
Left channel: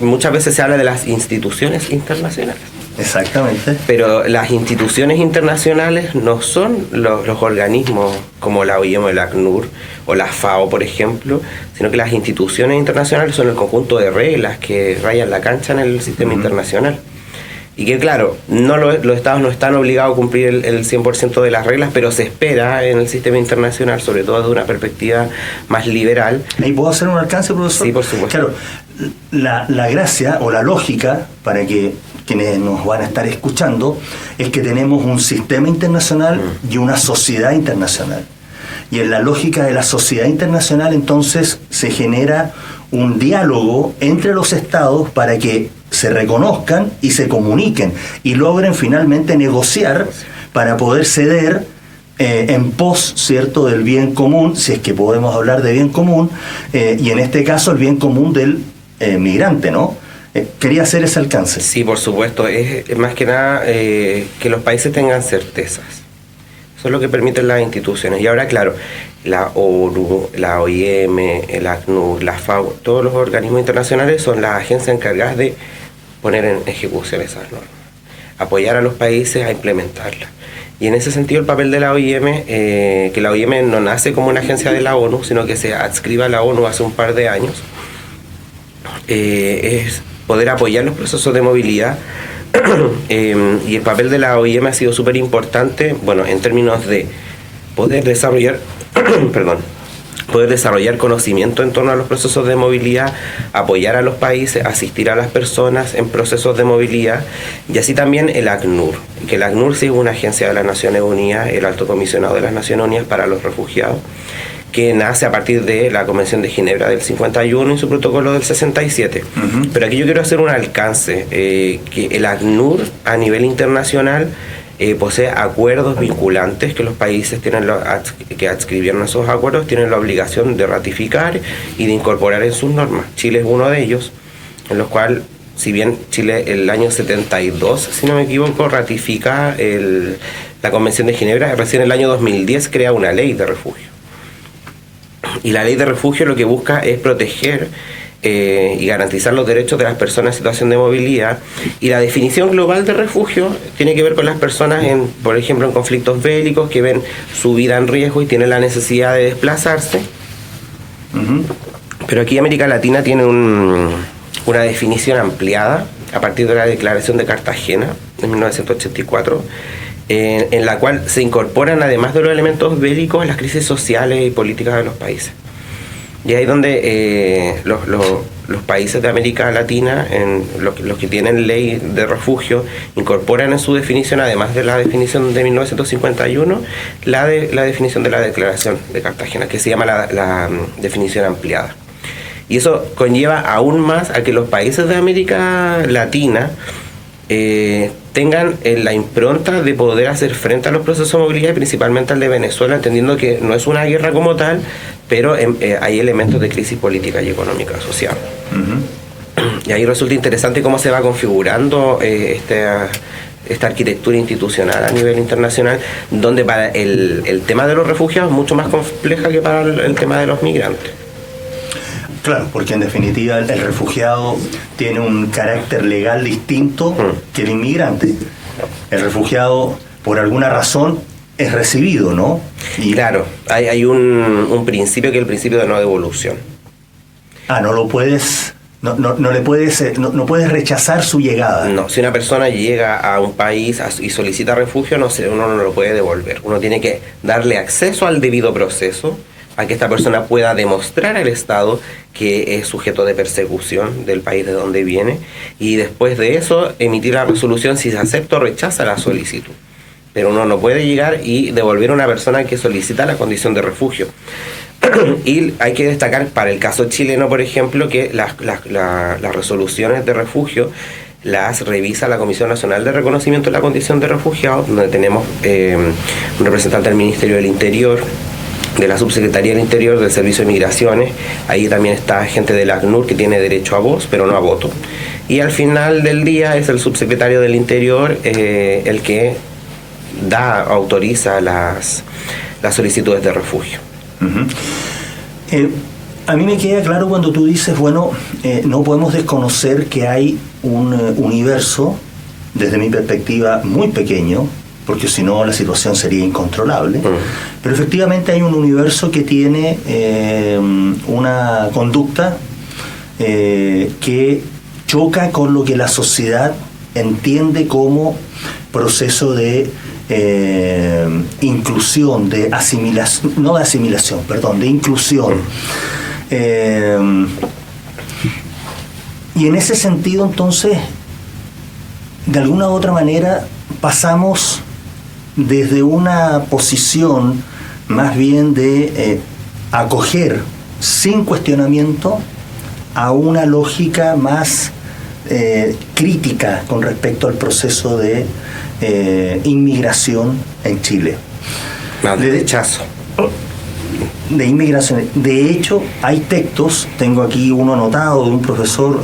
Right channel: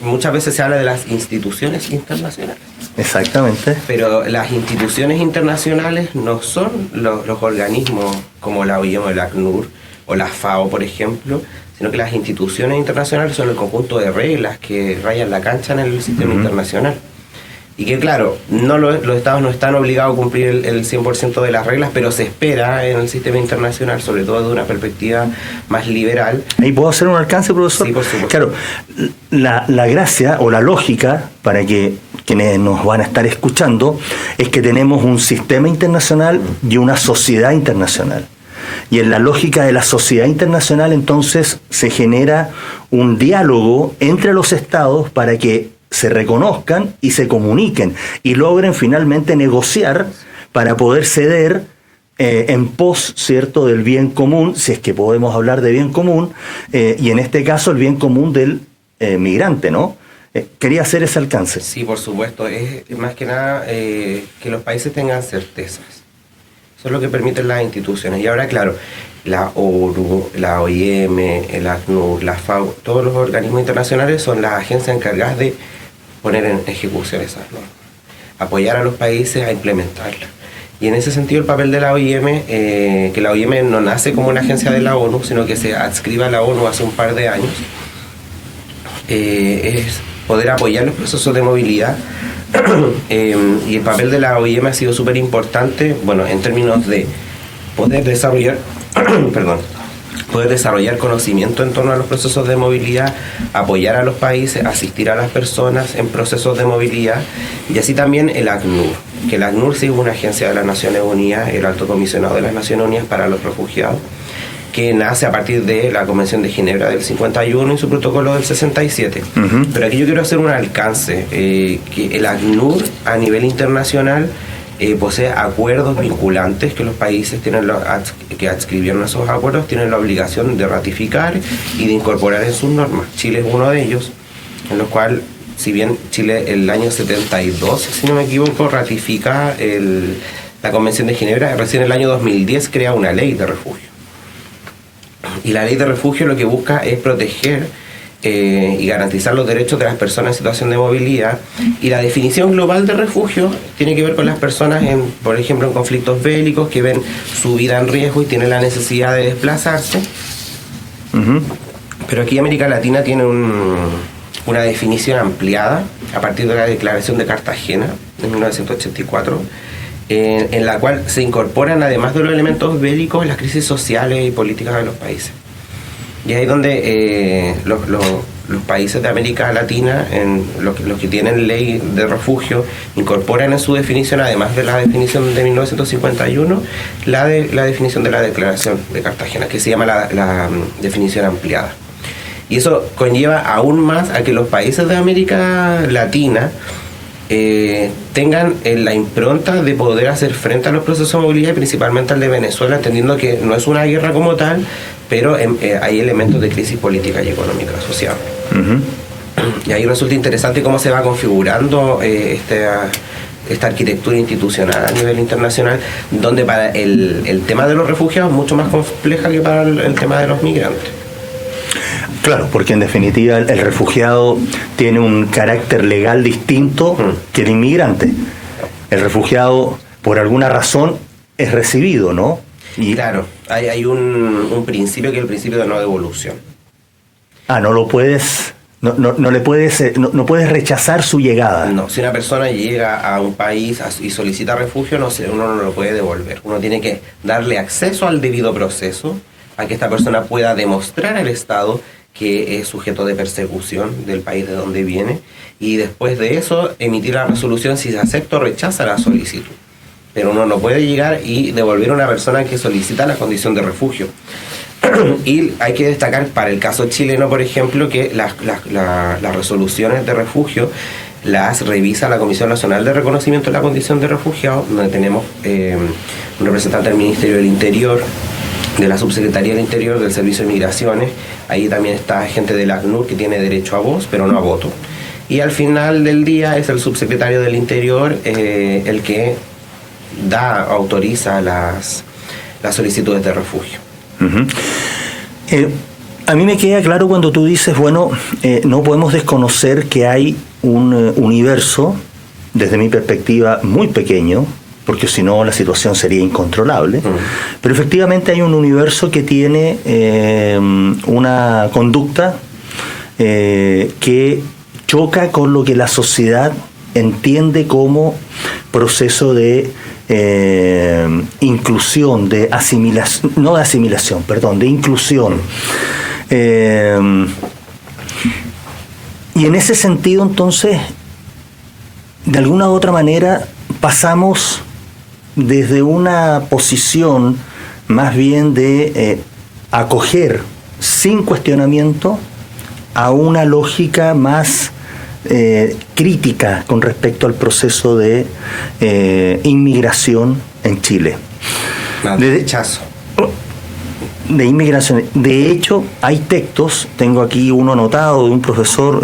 muchas veces se habla de las instituciones internacionales. Exactamente. Pero las instituciones internacionales no son los organismos como la OIM o la ACNUR o la FAO, por ejemplo, sino que las instituciones internacionales son el conjunto de reglas que rayan la cancha en el sistema internacional. Y que claro, los estados no están obligados a cumplir el 100% de las reglas, pero se espera en el sistema internacional, sobre todo desde una perspectiva más liberal. ¿Y puedo hacer un alcance, profesor? Sí, por supuesto. Claro, la gracia o la lógica, para que quienes nos van a estar escuchando, es que tenemos un sistema internacional y una sociedad internacional. Y en la lógica de la sociedad internacional, entonces, se genera un diálogo entre los estados para que se reconozcan y se comuniquen y logren finalmente negociar para poder ceder en pos, ¿cierto?, del bien común, si es que podemos hablar de bien común, y en este caso el bien común del migrante, ¿no? Quería hacer ese alcance. Sí, por supuesto. Es más que nada que los países tengan certezas. Eso es lo que permiten las instituciones. Y ahora, claro, la ONU, la OIM, el ACNUR, la FAO, todos los organismos internacionales son las agencias encargadas de poner en ejecución esas normas, apoyar a los países a implementarlas. Y en ese sentido el papel de la OIM, que la OIM no nace como una agencia de la ONU, sino que se adscribe a la ONU hace un par de años, es poder apoyar los procesos de movilidad. Y el papel de la OIM ha sido súper importante, bueno, en términos de poder desarrollar poder desarrollar conocimiento en torno a los procesos de movilidad, apoyar a los países, asistir a las personas en procesos de movilidad, y así también el ACNUR, que el ACNUR sí es una agencia de las Naciones Unidas, el Alto Comisionado de las Naciones Unidas para los Refugiados, que nace a partir de la Convención de Ginebra del 51 y su protocolo del 67. Uh-huh. Pero aquí yo quiero hacer un alcance, que el ACNUR a nivel internacional posee acuerdos vinculantes que los países que adscribieron esos acuerdos tienen la obligación de ratificar y de incorporar en sus normas. Chile es uno de ellos, en los cuales, si bien Chile el año 72, si no me equivoco, ratifica la Convención de Ginebra, recién el año 2010 crea una ley de refugio. Y la ley de refugio lo que busca es proteger y garantizar los derechos de las personas en situación de movilidad, y la definición global de refugio tiene que ver con las personas, por ejemplo, en conflictos bélicos, que ven su vida en riesgo y tienen la necesidad de desplazarse. Uh-huh. Pero aquí América Latina tiene una definición ampliada a partir de la Declaración de Cartagena de 1984, en la cual se incorporan, además de los elementos bélicos, las crisis sociales y políticas de los países. Y ahí es donde los países de América Latina, los que tienen ley de refugio, incorporan en su definición, además de la definición de 1951, la definición de la Declaración de Cartagena, que se llama la definición ampliada. Y eso conlleva aún más a que los países de América Latina tengan la impronta de poder hacer frente a los procesos de movilidad, principalmente al de Venezuela, entendiendo que no es una guerra como tal, pero hay elementos de crisis política y económica asociados. Uh-huh. Y ahí resulta interesante cómo se va configurando esta arquitectura institucional a nivel internacional, donde para el tema de los refugiados es mucho más compleja que para el tema de los migrantes. Claro, porque en definitiva el refugiado tiene un carácter legal distinto que el inmigrante. El refugiado, por alguna razón, es recibido, ¿no? Y claro, hay un principio que es el principio de no devolución. No puedes rechazar su llegada. No, si una persona llega a un país y solicita refugio, uno no lo puede devolver. Uno tiene que darle acceso al debido proceso, a que esta persona pueda demostrar al Estado que es sujeto de persecución del país de donde viene, y después de eso emitir la resolución si se acepta o rechaza la solicitud. Pero uno no puede llegar y devolver a una persona que solicita la condición de refugio. Y hay que destacar para el caso chileno, por ejemplo, que las resoluciones de refugio las revisa la Comisión Nacional de Reconocimiento de la Condición de Refugiado, donde tenemos un representante del Ministerio del Interior, de la Subsecretaría del Interior, del Servicio de Migraciones. Ahí también está gente del ACNUR que tiene derecho a voz, pero no a voto. Y al final del día es el subsecretario del Interior el que autoriza las solicitudes de refugio. Uh-huh. A mí me queda claro cuando tú dices, no podemos desconocer que hay un universo, desde mi perspectiva, muy pequeño, porque si no la situación sería incontrolable, pero efectivamente hay un universo que tiene una conducta que choca con lo que la sociedad entiende como proceso de inclusión, de asimilación, no de asimilación, perdón, de inclusión. Y en ese sentido, entonces, de alguna u otra manera, pasamos desde una posición más bien de acoger sin cuestionamiento a una lógica más crítica con respecto al proceso de inmigración en Chile. De rechazo. De inmigración. De hecho, hay textos, tengo aquí uno anotado de un profesor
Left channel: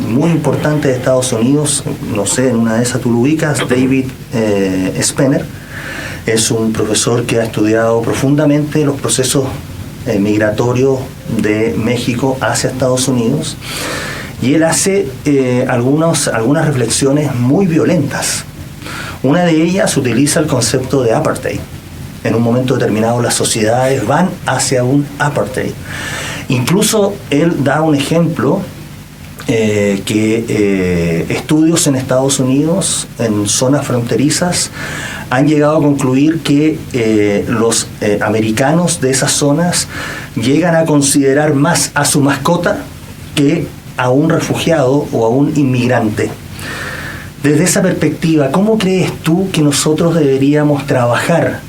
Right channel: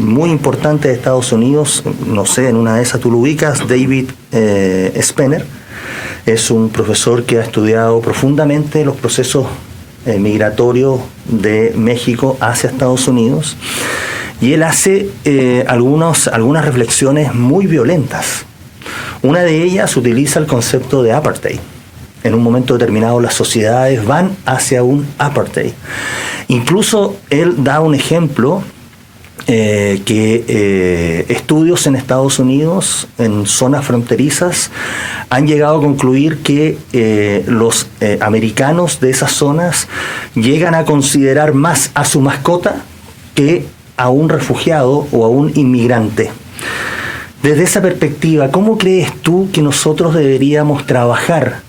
muy importante de Estados Unidos, no sé, en una de esas tú lo ubicas, David Spener, es un profesor que ha estudiado profundamente los procesos migratorios de México hacia Estados Unidos, y él hace algunas reflexiones muy violentas. Una de ellas utiliza el concepto de apartheid. En un momento determinado las sociedades van hacia un apartheid. Incluso él da un ejemplo que estudios en Estados Unidos, en zonas fronterizas, han llegado a concluir que los americanos de esas zonas llegan a considerar más a su mascota que a un refugiado o a un inmigrante. Desde esa perspectiva, ¿cómo crees tú que nosotros deberíamos trabajar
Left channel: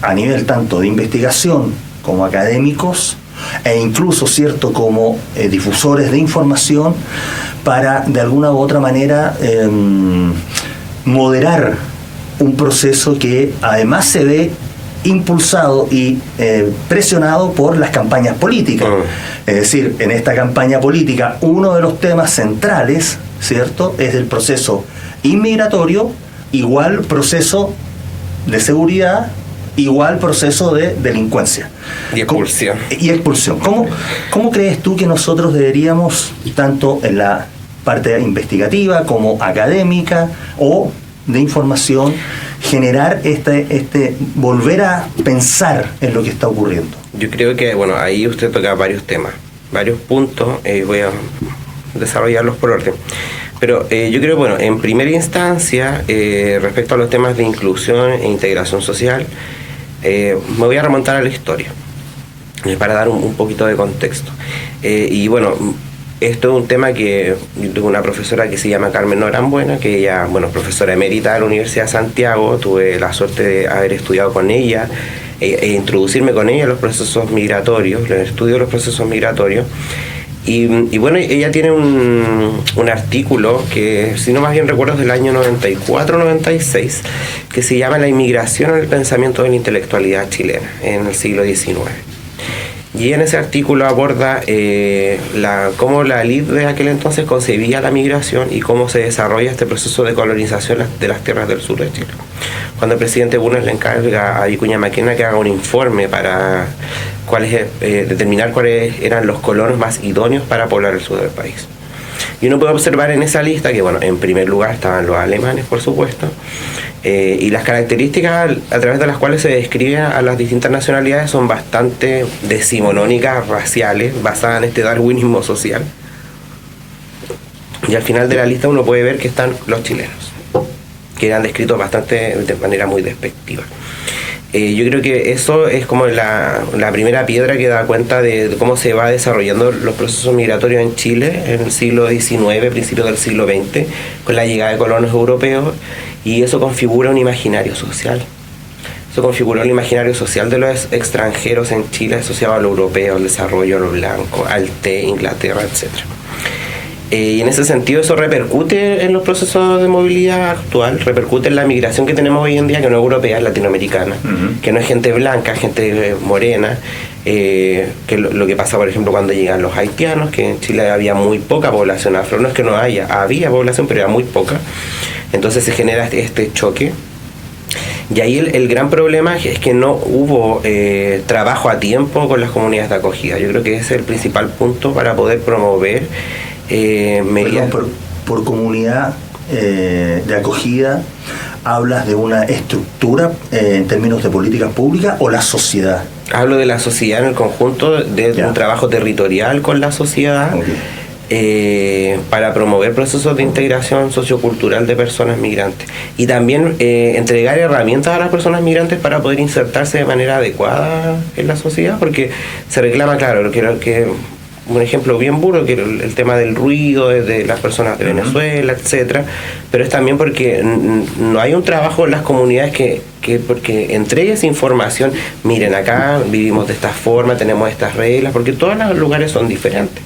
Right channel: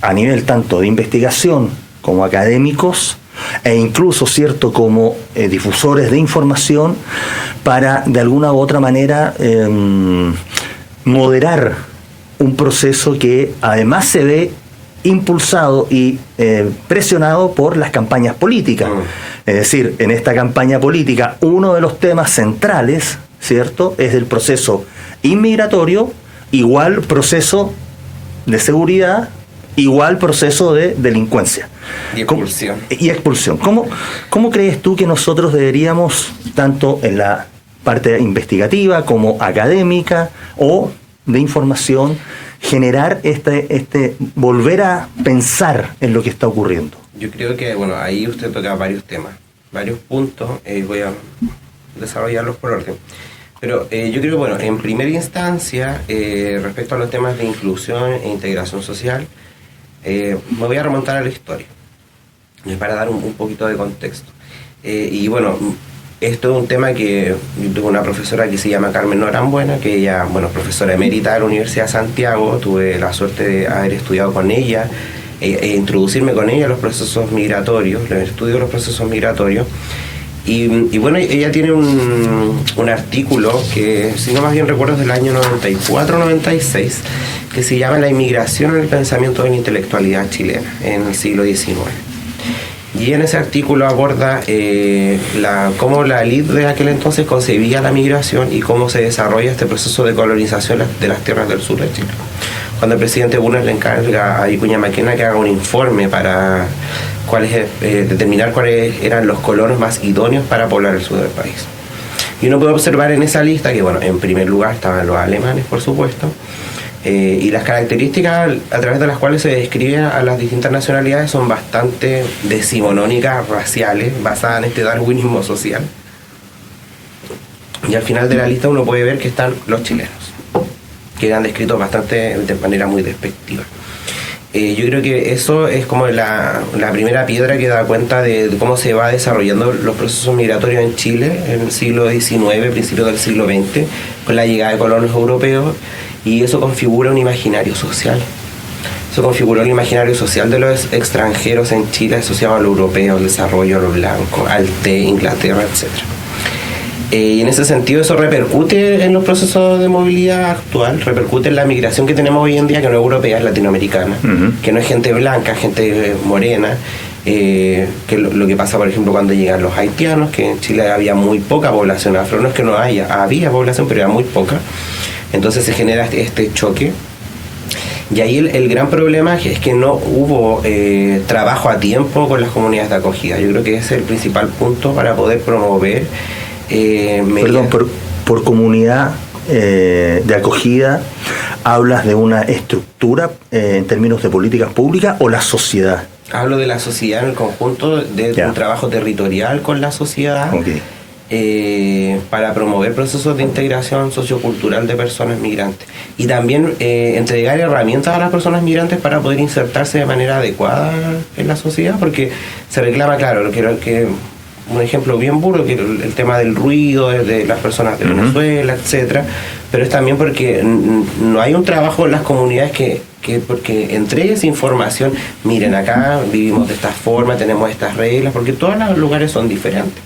a nivel tanto de investigación como académicos e incluso, cierto, como difusores de información para de alguna u otra manera moderar un proceso que además se ve impulsado y presionado por las campañas políticas? Es decir, en esta campaña política uno de los temas centrales, ¿cierto?, es el proceso inmigratorio, igual proceso de seguridad, igual proceso de delincuencia. Y expulsión. ¿Cómo crees tú que nosotros deberíamos, tanto en la parte investigativa como académica o de información, generar volver a pensar en lo que está ocurriendo? Yo creo que, bueno, ahí usted toca varios temas, varios puntos, voy a desarrollarlos por orden. Pero yo creo, bueno, en primera instancia, respecto a los temas de inclusión e integración social, me voy a remontar a la historia, para dar un poquito de contexto. Y bueno, esto es un tema que yo tengo una profesora que se llama Carmen Norambuena, que ella, bueno, es profesora emérita de la Universidad de Santiago. Tuve la suerte de haber estudiado con ella e introducirme con ella en los procesos migratorios, en el estudio de los procesos migratorios. Y bueno, ella tiene un artículo que, si no más bien recuerdo, es del año 94-96, que se llama La inmigración en el pensamiento de la intelectualidad chilena en el siglo XIX. Y en ese artículo aborda cómo la élite de aquel entonces concebía la migración y cómo se desarrolla este proceso de colonización de las tierras del sur de Chile. Cuando el presidente Bulnes le encarga a Vicuña Maquena que haga un informe para determinar cuáles eran los colonos más idóneos para poblar el sur del país. Y uno puede observar en esa lista que, bueno, en primer lugar estaban los alemanes, por supuesto, y las características a través de las cuales se describen a las distintas nacionalidades son bastante decimonónicas, raciales, basadas en este darwinismo social. Y al final de la lista uno puede ver que están los chilenos, que han descrito bastante de manera muy despectiva. Yo creo que eso es como la primera piedra que da cuenta de cómo se va desarrollando los procesos migratorios en Chile en el siglo XIX, principios del siglo XX, con la llegada de colonos europeos, y eso configura un imaginario social. Eso configuró el imaginario social de los extranjeros en Chile asociado a lo europeo, al desarrollo, a lo blanco, al té, Inglaterra, etc. Y en ese sentido eso repercute en los procesos de movilidad actual, repercute en la migración que tenemos hoy en día, que no es europea, es latinoamericana, que no es gente blanca, gente morena, que lo que pasa, por ejemplo, cuando llegan los haitianos, que en Chile había muy poca población afro, no es que no había población, pero era muy poca, entonces se genera este choque. Y ahí el gran problema es que no hubo trabajo a tiempo con las comunidades de acogida. Yo creo que ese es el principal punto para poder promover Perdón, por comunidad de acogida, ¿hablas de una estructura en términos de políticas públicas o la sociedad? Hablo de la sociedad en el conjunto, de un trabajo territorial con la sociedad, para promover procesos de integración sociocultural de personas migrantes. Y también entregar herramientas a las personas migrantes para poder insertarse de manera adecuada en la sociedad, porque se reclama, claro, lo que un ejemplo bien burdo, que el tema del ruido de las personas de Venezuela, etcétera, pero es también porque no hay un trabajo en las comunidades porque entregue esa información. Miren, acá vivimos de esta forma, tenemos estas reglas, porque todos los lugares son diferentes.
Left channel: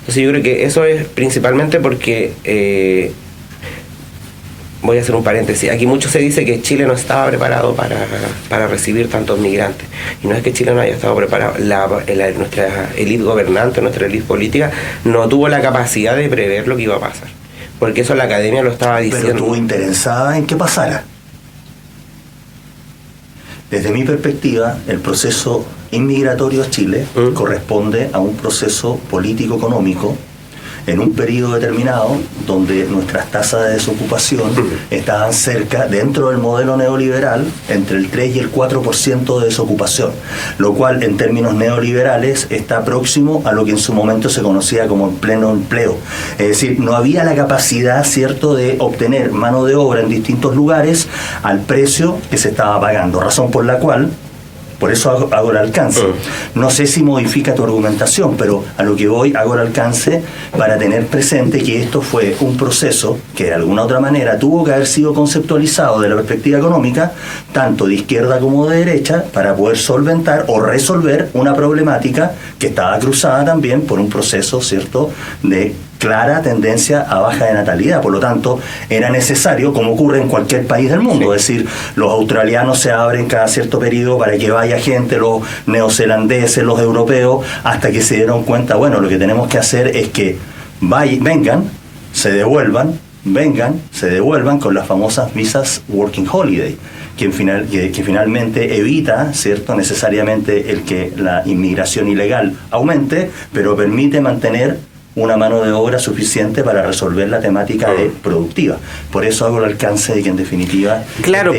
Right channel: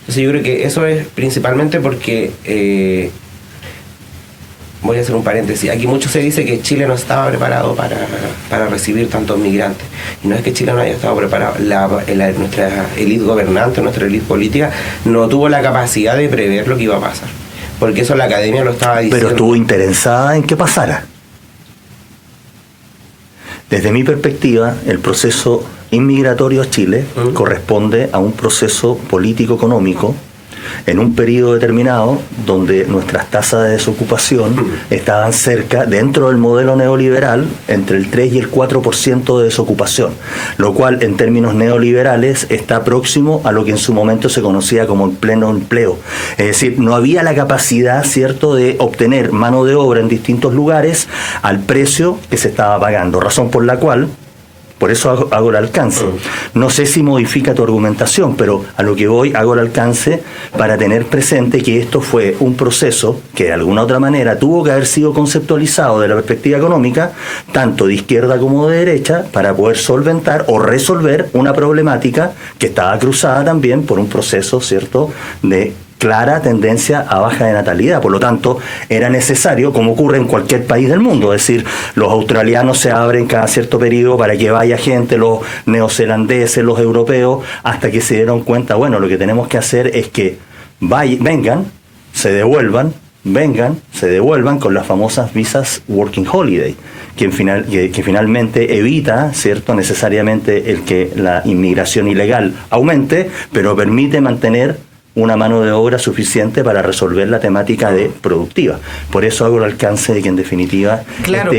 Entonces yo creo que eso es principalmente porque voy a hacer un paréntesis. Aquí mucho se dice que Chile no estaba preparado para recibir tantos migrantes. Y no es que Chile no haya estado preparado. Nuestra élite gobernante, nuestra élite política, no tuvo la capacidad de prever lo que iba a pasar. Porque eso la academia lo estaba diciendo. Pero estuvo interesada en que pasara. Desde mi perspectiva, el proceso inmigratorio a Chile corresponde a un proceso político-económico en un periodo determinado donde nuestras tasas de desocupación estaban cerca, dentro del modelo neoliberal, entre el 3 y el 4% de desocupación, lo cual en términos neoliberales está próximo a lo que en su momento se conocía como el pleno empleo. Es decir, no había la capacidad, ¿cierto?, de obtener mano de obra en distintos lugares al precio que se estaba pagando, razón por la cual, por eso hago el alcance. No sé si modifica tu argumentación, pero a lo que voy hago el alcance para tener presente que esto fue un proceso que de alguna otra manera tuvo que haber sido conceptualizado de la perspectiva económica, tanto de izquierda como de derecha, para poder solventar o resolver una problemática que estaba cruzada también por un proceso, ¿cierto?, de clara tendencia a baja de natalidad. Por lo tanto, era necesario, como ocurre en cualquier país del mundo, es decir, los australianos se abren cada cierto periodo para que vaya gente, los neozelandeses, los europeos, hasta que se dieron cuenta, bueno, lo que tenemos que hacer es que vengan, se devuelvan con las famosas visas Working Holiday, que finalmente evita, ¿cierto?, necesariamente el que la inmigración ilegal aumente, pero permite mantener una mano de obra suficiente para resolver la temática de productiva. Por eso hago el alcance de que en definitiva... Claro,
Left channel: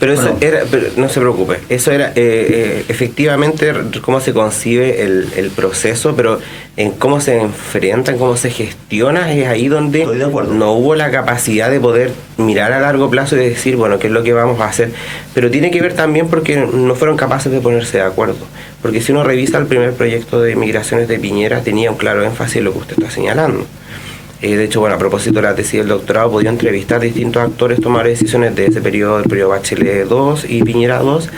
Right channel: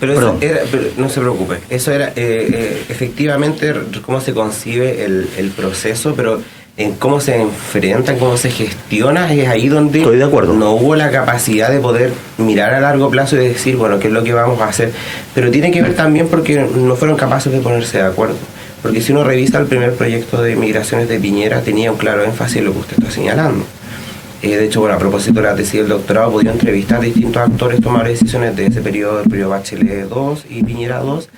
pero eso era, pero no se preocupe, eso era efectivamente cómo se concibe el proceso, pero en cómo se enfrentan, cómo se gestiona, es ahí donde estoy de acuerdo. No hubo la capacidad de poder mirar a largo plazo y decir, bueno, qué es lo que vamos a hacer. Pero tiene que ver también porque no fueron capaces de ponerse de acuerdo. Porque si uno revisa el primer proyecto de migraciones de Piñera, tenía un claro énfasis en lo que usted está señalando. De hecho, bueno, a propósito de la tesis del doctorado, podía entrevistar a distintos actores, tomar decisiones de ese periodo, el periodo Bachelet 2 y Piñera 2.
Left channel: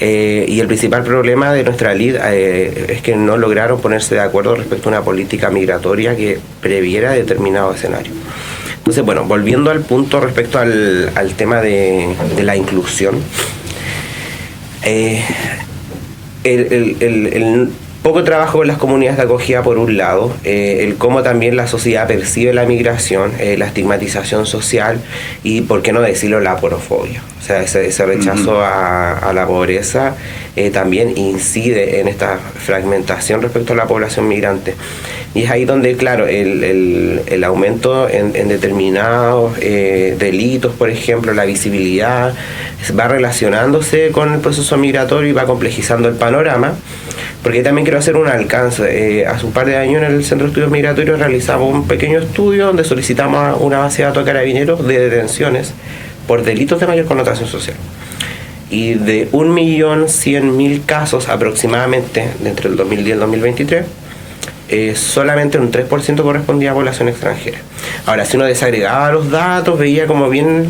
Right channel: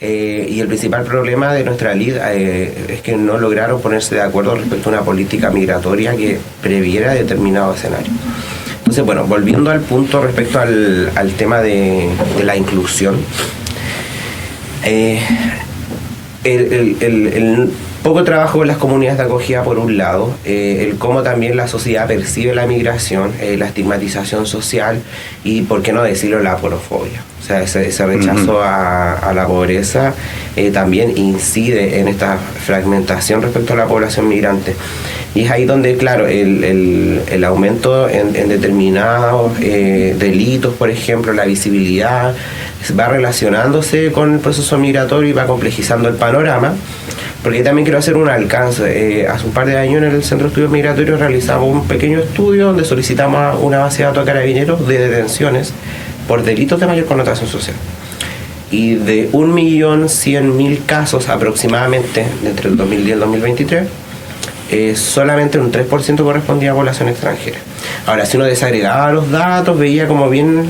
Y el principal problema de nuestra lid es que no lograron ponerse de acuerdo respecto a una política migratoria que previera determinado escenario. Entonces, bueno, volviendo al punto respecto al tema de la inclusión, el poco trabajo con las comunidades de acogida por un lado, el cómo también la sociedad percibe la migración, la estigmatización social y, por qué no decirlo, la aporofobia. O sea, ese rechazo a la pobreza también incide en esta fragmentación respecto a la población migrante. Y es ahí donde, claro, el aumento en determinados delitos, por ejemplo, la visibilidad, va relacionándose con el proceso migratorio y va complejizando el panorama. Porque también quiero hacer un alcance. Hace un par de años en el Centro de Estudios Migratorios realizamos un pequeño estudio donde solicitamos una base de datos de carabineros de detenciones por delitos de mayor connotación social. Y de 1.100.000 casos aproximadamente entre el 2010 y el 2023, solamente un 3% correspondía a población extranjera. Ahora, si uno desagregaba los datos, veía como bien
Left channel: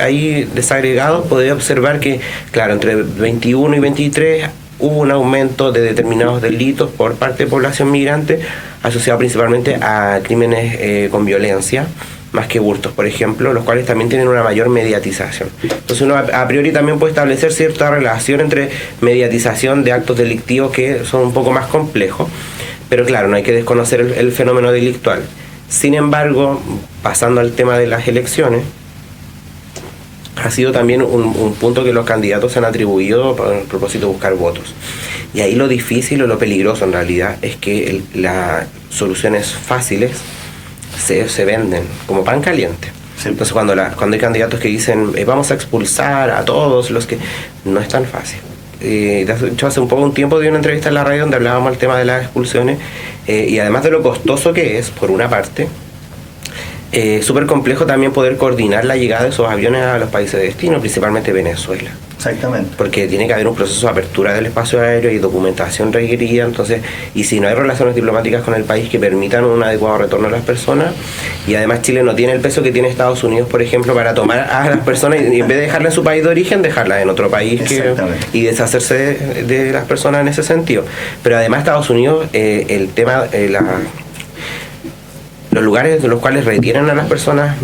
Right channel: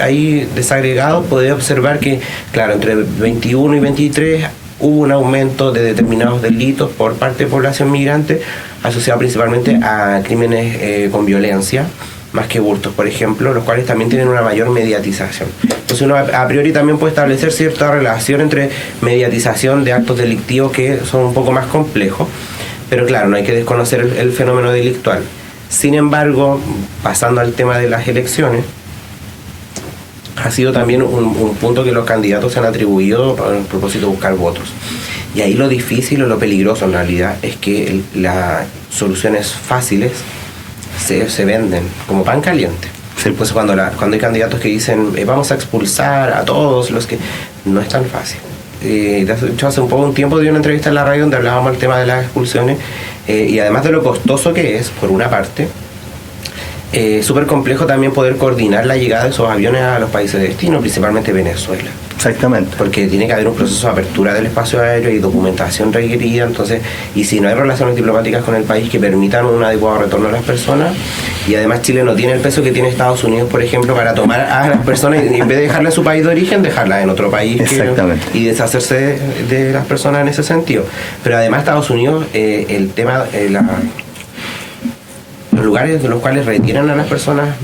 ahí desagregado, podía observar que, claro, entre 21 y 23 hubo un aumento de determinados delitos por parte de población migrante, asociado principalmente a crímenes con violencia, más que hurtos, por ejemplo, los cuales también tienen una mayor mediatización. Entonces uno a priori también puede establecer cierta relación entre mediatización de actos delictivos que son un poco más complejos, pero claro, no hay que desconocer el fenómeno delictual. Sin embargo, pasando al tema de las elecciones, ha sido también un punto que los candidatos se han atribuido a propósito de buscar votos. Y ahí lo difícil o lo peligroso en realidad es que las soluciones fáciles se venden como pan caliente. Sí. Entonces cuando hay candidatos que dicen vamos a expulsar a todos los que... No es tan fácil. De hecho, hace un tiempo di una entrevista en la radio donde hablábamos del tema de las expulsiones y además de lo costoso que es, por una parte, súper complejo también poder coordinar la llegada de esos aviones a los países de destino, principalmente Venezuela. Exactamente. Porque tiene que haber un proceso de apertura del espacio aéreo y documentación requerida, entonces, y si no hay relaciones diplomáticas con el país que permitan un adecuado retorno a las personas, y además Chile no tiene el peso que tiene Estados Unidos, por ejemplo, para tomar a las personas y en vez de dejarlas en su país de origen, dejarlas en otro país y deshacerse de las personas en ese sentido. Pero además Estados Unidos, el tema, los lugares en los cuales retiran a las personas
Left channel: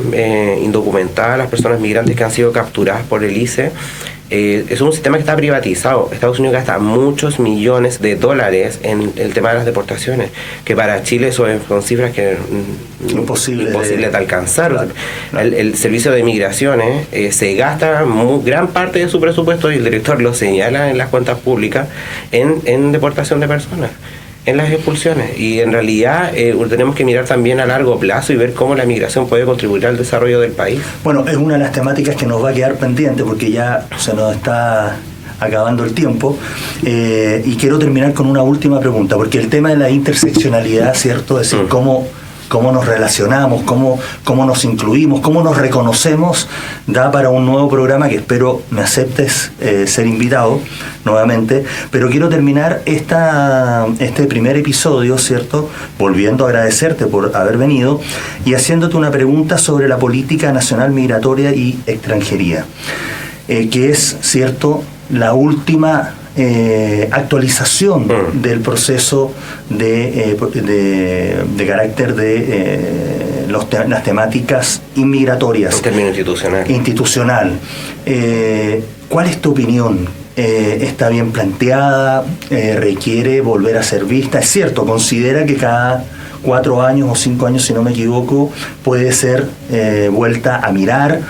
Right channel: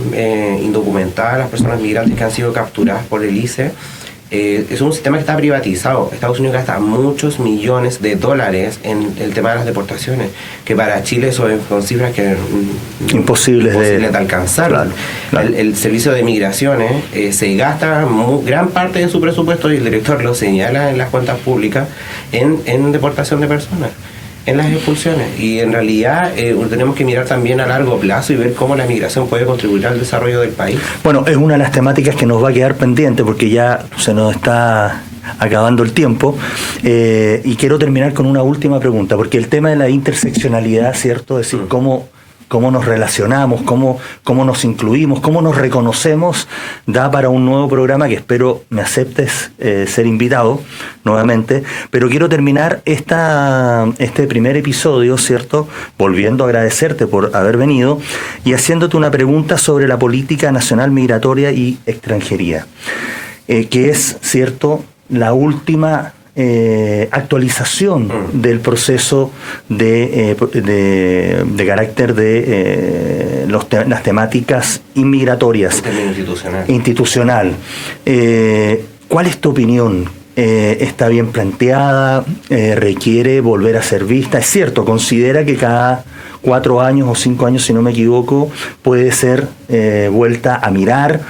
indocumentadas, las personas migrantes que han sido capturadas por el ICE, es un sistema que está privatizado. Estados Unidos gasta muchos millones de dólares en el tema de las deportaciones, que para Chile son cifras que imposibles de alcanzar. Claro, claro. El servicio de migraciones se gasta gran parte de su presupuesto, y el director lo señala en las cuentas públicas, en deportación de personas, en las expulsiones. Y en realidad tenemos que mirar también a largo plazo y ver cómo la migración puede contribuir al desarrollo del país. Bueno, es una de las temáticas que nos va a quedar pendiente porque ya se nos está acabando el tiempo, y quiero terminar con una última pregunta, porque el tema de la interseccionalidad, ¿cierto? Es decir, cómo nos relacionamos, cómo nos incluimos, cómo nos reconocemos, da para un nuevo programa que espero me aceptes ser invitado nuevamente. Pero quiero terminar este primer episodio, ¿cierto?, volviendo a agradecerte por haber venido y haciéndote una pregunta sobre la política nacional migratoria y extranjería, que es, ¿cierto?, la última actualización del proceso de carácter de las temáticas inmigratorias. En términos institucional. ¿Cuál es tu opinión? ¿Está bien planteada? ¿Requiere volver a ser vista? Es cierto, considera que cada 4 años o 5 años, si no me equivoco, puede ser vuelta a mirar,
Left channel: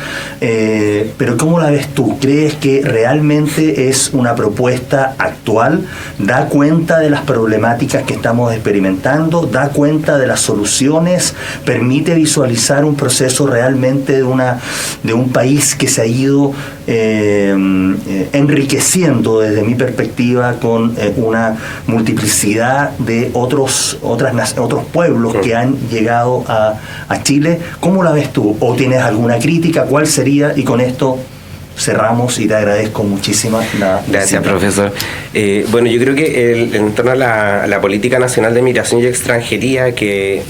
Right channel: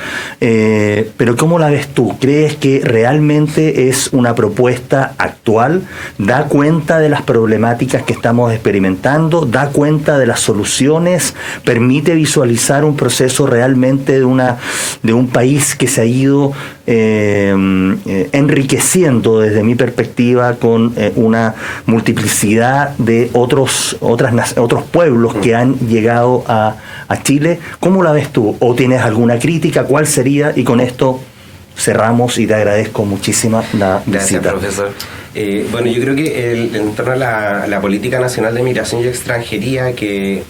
pero ¿cómo la ves tú? ¿Crees que realmente es una propuesta actual? ¿Da cuenta de las problemáticas que estamos experimentando? ¿Da cuenta de las soluciones? ¿Permite visualizar un proceso realmente de un país que se ha ido enriqueciendo, desde mi perspectiva, con una multiplicidad de otros pueblos que han llegado a Chile? ¿Cómo la ves tú? ¿O tienes alguna crítica? ¿Cuál sería? Y con esto cerramos y te agradezco muchísimo la visita. Gracias, profesor. Bueno, yo creo que en torno a la Política Nacional de Migración y Extranjería, que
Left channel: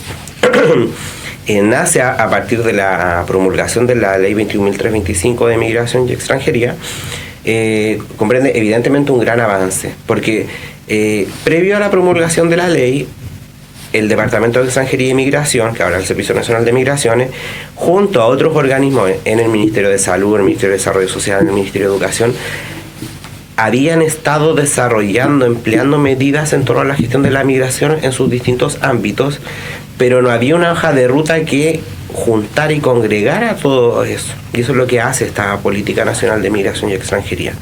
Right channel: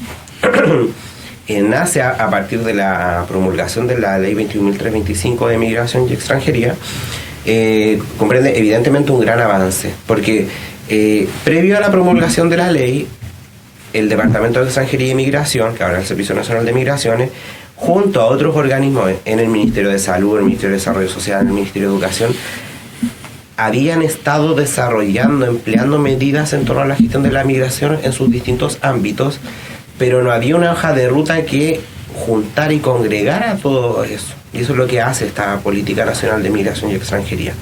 nace a partir de la promulgación de la Ley 21.325 de Migración y Extranjería, comprende evidentemente un gran avance, porque previo a la promulgación de la ley, el Departamento de Extranjería y Migración, que ahora es el Servicio Nacional de Migraciones, junto a otros organismos en el Ministerio de Salud, en el Ministerio de Desarrollo Social, en el Ministerio de Educación, habían estado desarrollando, empleando medidas en torno a la gestión de la migración en sus distintos ámbitos, pero no había una hoja de ruta que juntar y congregar a todo eso. Y eso es lo que hace esta Política Nacional de Migración y Extranjería.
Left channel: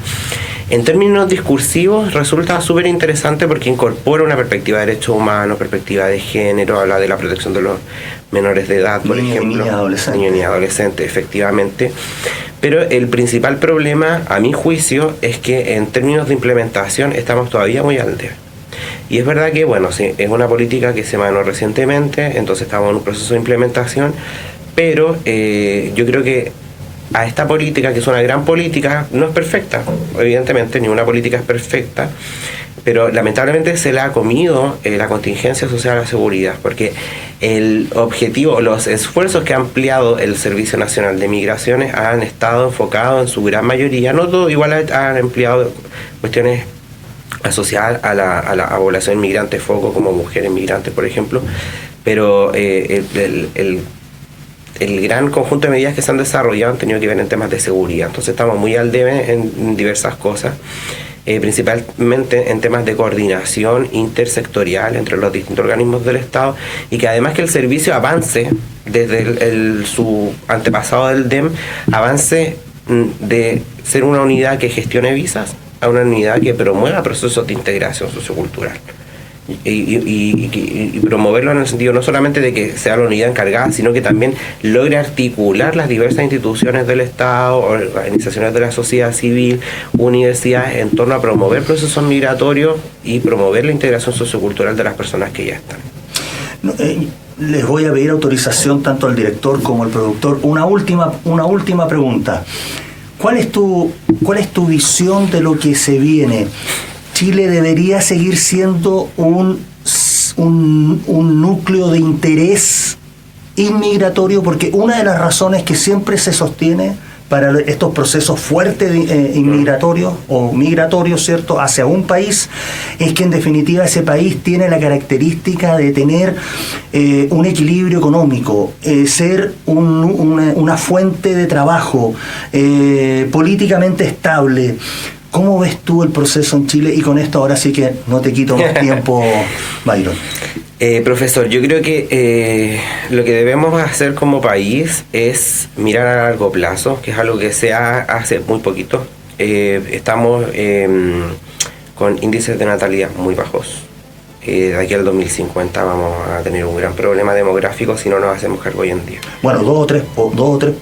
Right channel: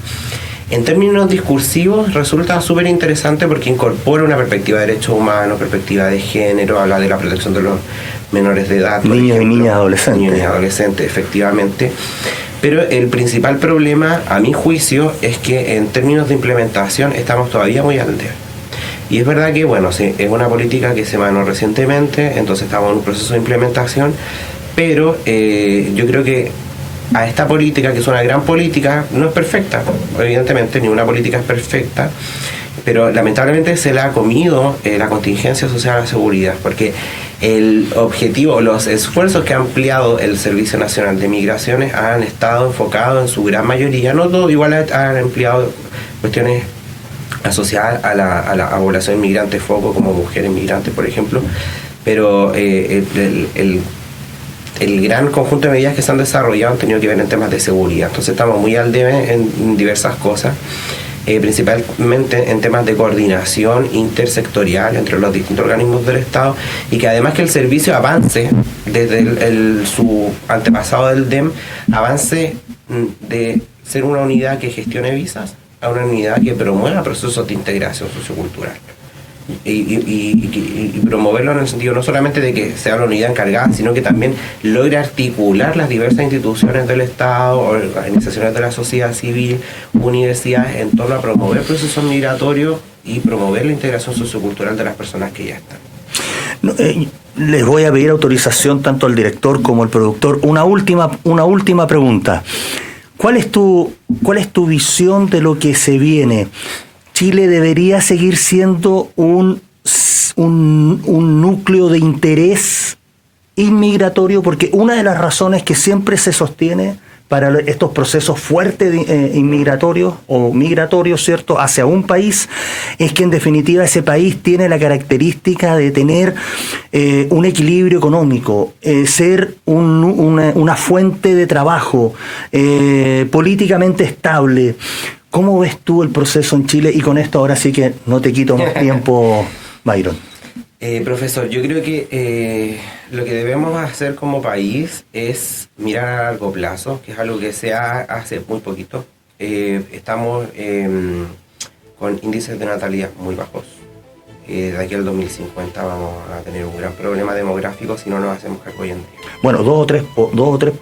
En términos discursivos resulta súper interesante porque incorpora una perspectiva de derechos humanos, perspectiva de género, habla de la protección de los menores de edad, por ejemplo, niños y adolescentes, efectivamente. Pero el principal problema, a mi juicio, es que en términos de implementación estamos todavía muy al debe. Y es verdad que, bueno, sí, es una política que se emanó recientemente, entonces estamos en un proceso de implementación, pero yo creo que a esta política, que es una gran política, no es perfecta, evidentemente, ninguna política es perfecta, pero lamentablemente se le ha comido la contingencia social a la seguridad, porque el objetivo, los esfuerzos que ha ampliado el Servicio Nacional de Migraciones han estado enfocados en su gran mayoría, no todo, igual han empleado cuestiones asociadas a la población inmigrante foco, como mujeres migrantes, por ejemplo, pero el gran conjunto de medidas que se han desarrollado han tenido que ver en temas de seguridad. Entonces estamos muy al debe en diversas cosas, principalmente en temas de coordinación intersectorial entre los distintos organismos del Estado, y que además que el servicio avance desde su antepasado del DEM, avance de ser una unidad que gestione visas a una unidad que promueva procesos de integración sociocultural. Y promoverlo en el sentido no solamente de que sea la unidad encargada, sino que también logre articular las diversas instituciones del Estado, organizaciones de la sociedad civil, universidades, en torno a promover procesos migratorios y promover la integración sociocultural de las personas que ya están. Les voy a pedir autorización tanto al director como al productor. Una última pregunta. ¿Cuál es tu visión de lo que se viene? ¿Chile debería seguir siendo un núcleo de interés inmigratorio? Porque una de las razones que siempre se sostiene para estos procesos fuertes inmigratorios o migratorios, ¿cierto?, hacia un país, es que en definitiva ese país tiene la característica de tener un equilibrio económico, ser una fuente de trabajo políticamente estable. ¿Cómo ves tú el proceso en Chile? Y con esto ahora sí que no te quito más tiempo, Byron. Profesor, yo creo que lo que debemos hacer como país es mirar a largo plazo, que es algo que se hace muy poquito. Estamos con índices de natalidad muy bajos. De aquí al 2050 vamos a tener un gran problema demográfico si no nos hacemos cargo hoy en día. Bueno, dos o tres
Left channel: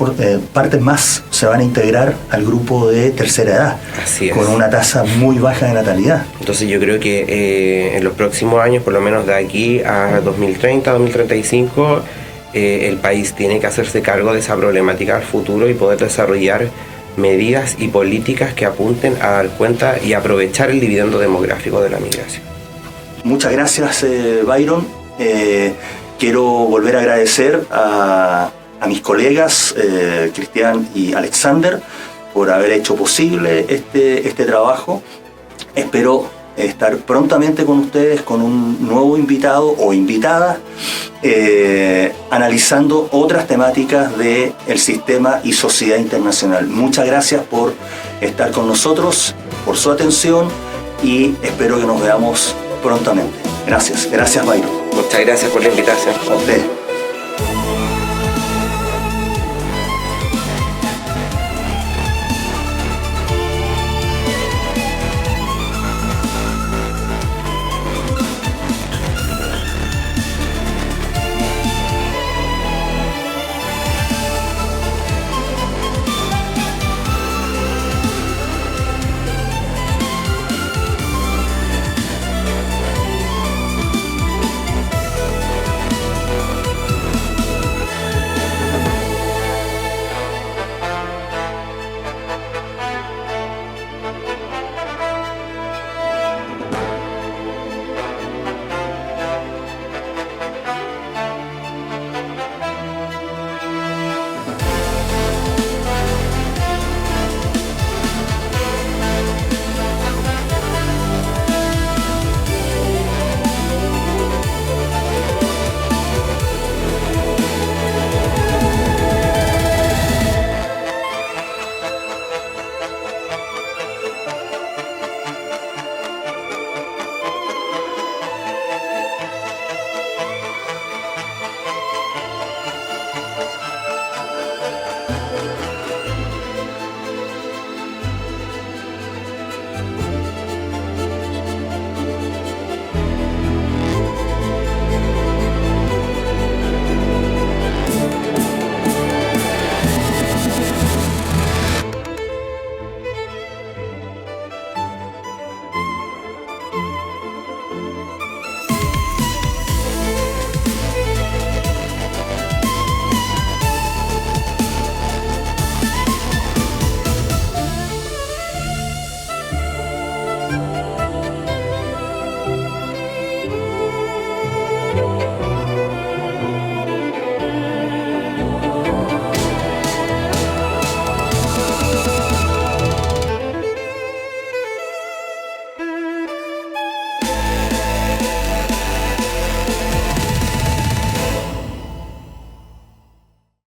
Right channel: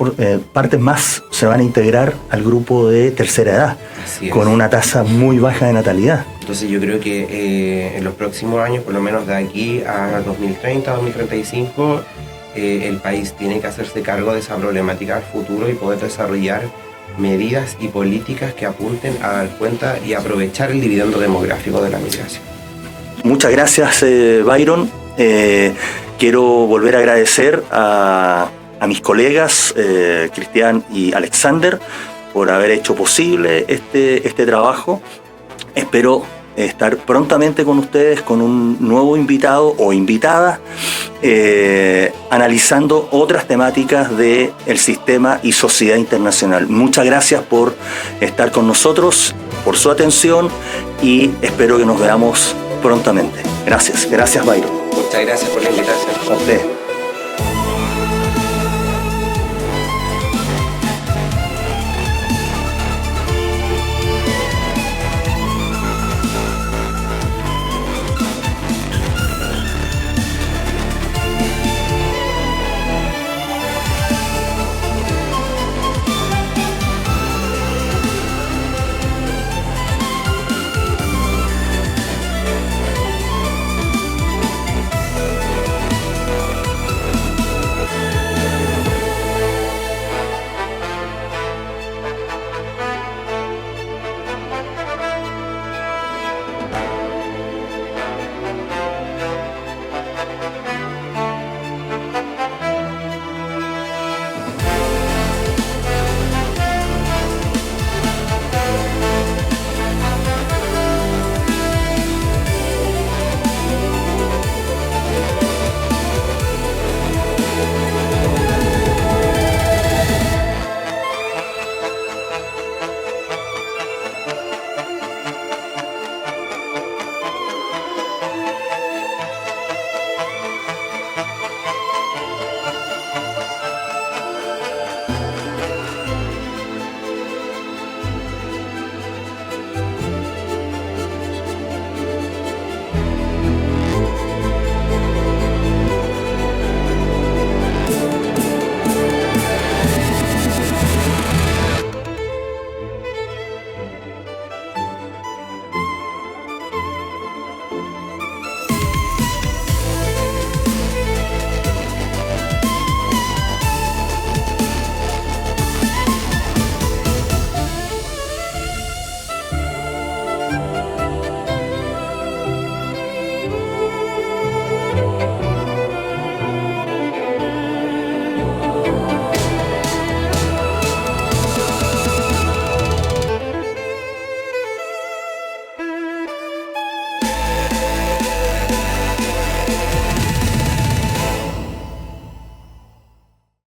partes más se van a integrar al grupo de tercera edad, Así es. Con una tasa muy baja de natalidad. Entonces yo creo que en los próximos años, por lo menos de aquí a 2030, 2035, el país tiene que hacerse cargo de esa problemática al futuro y poder desarrollar medidas y políticas que apunten a dar cuenta y aprovechar el dividendo demográfico de la migración. Muchas gracias, Byron. Quiero volver a agradecer a mis colegas, Cristian y Alexander, por haber hecho posible este trabajo. Espero estar prontamente con ustedes con un nuevo invitado o invitada, analizando otras temáticas del sistema y sociedad internacional. Muchas gracias por estar con nosotros, por su atención, y espero que nos veamos prontamente. Gracias, Byron. Muchas gracias por la invitación. A usted.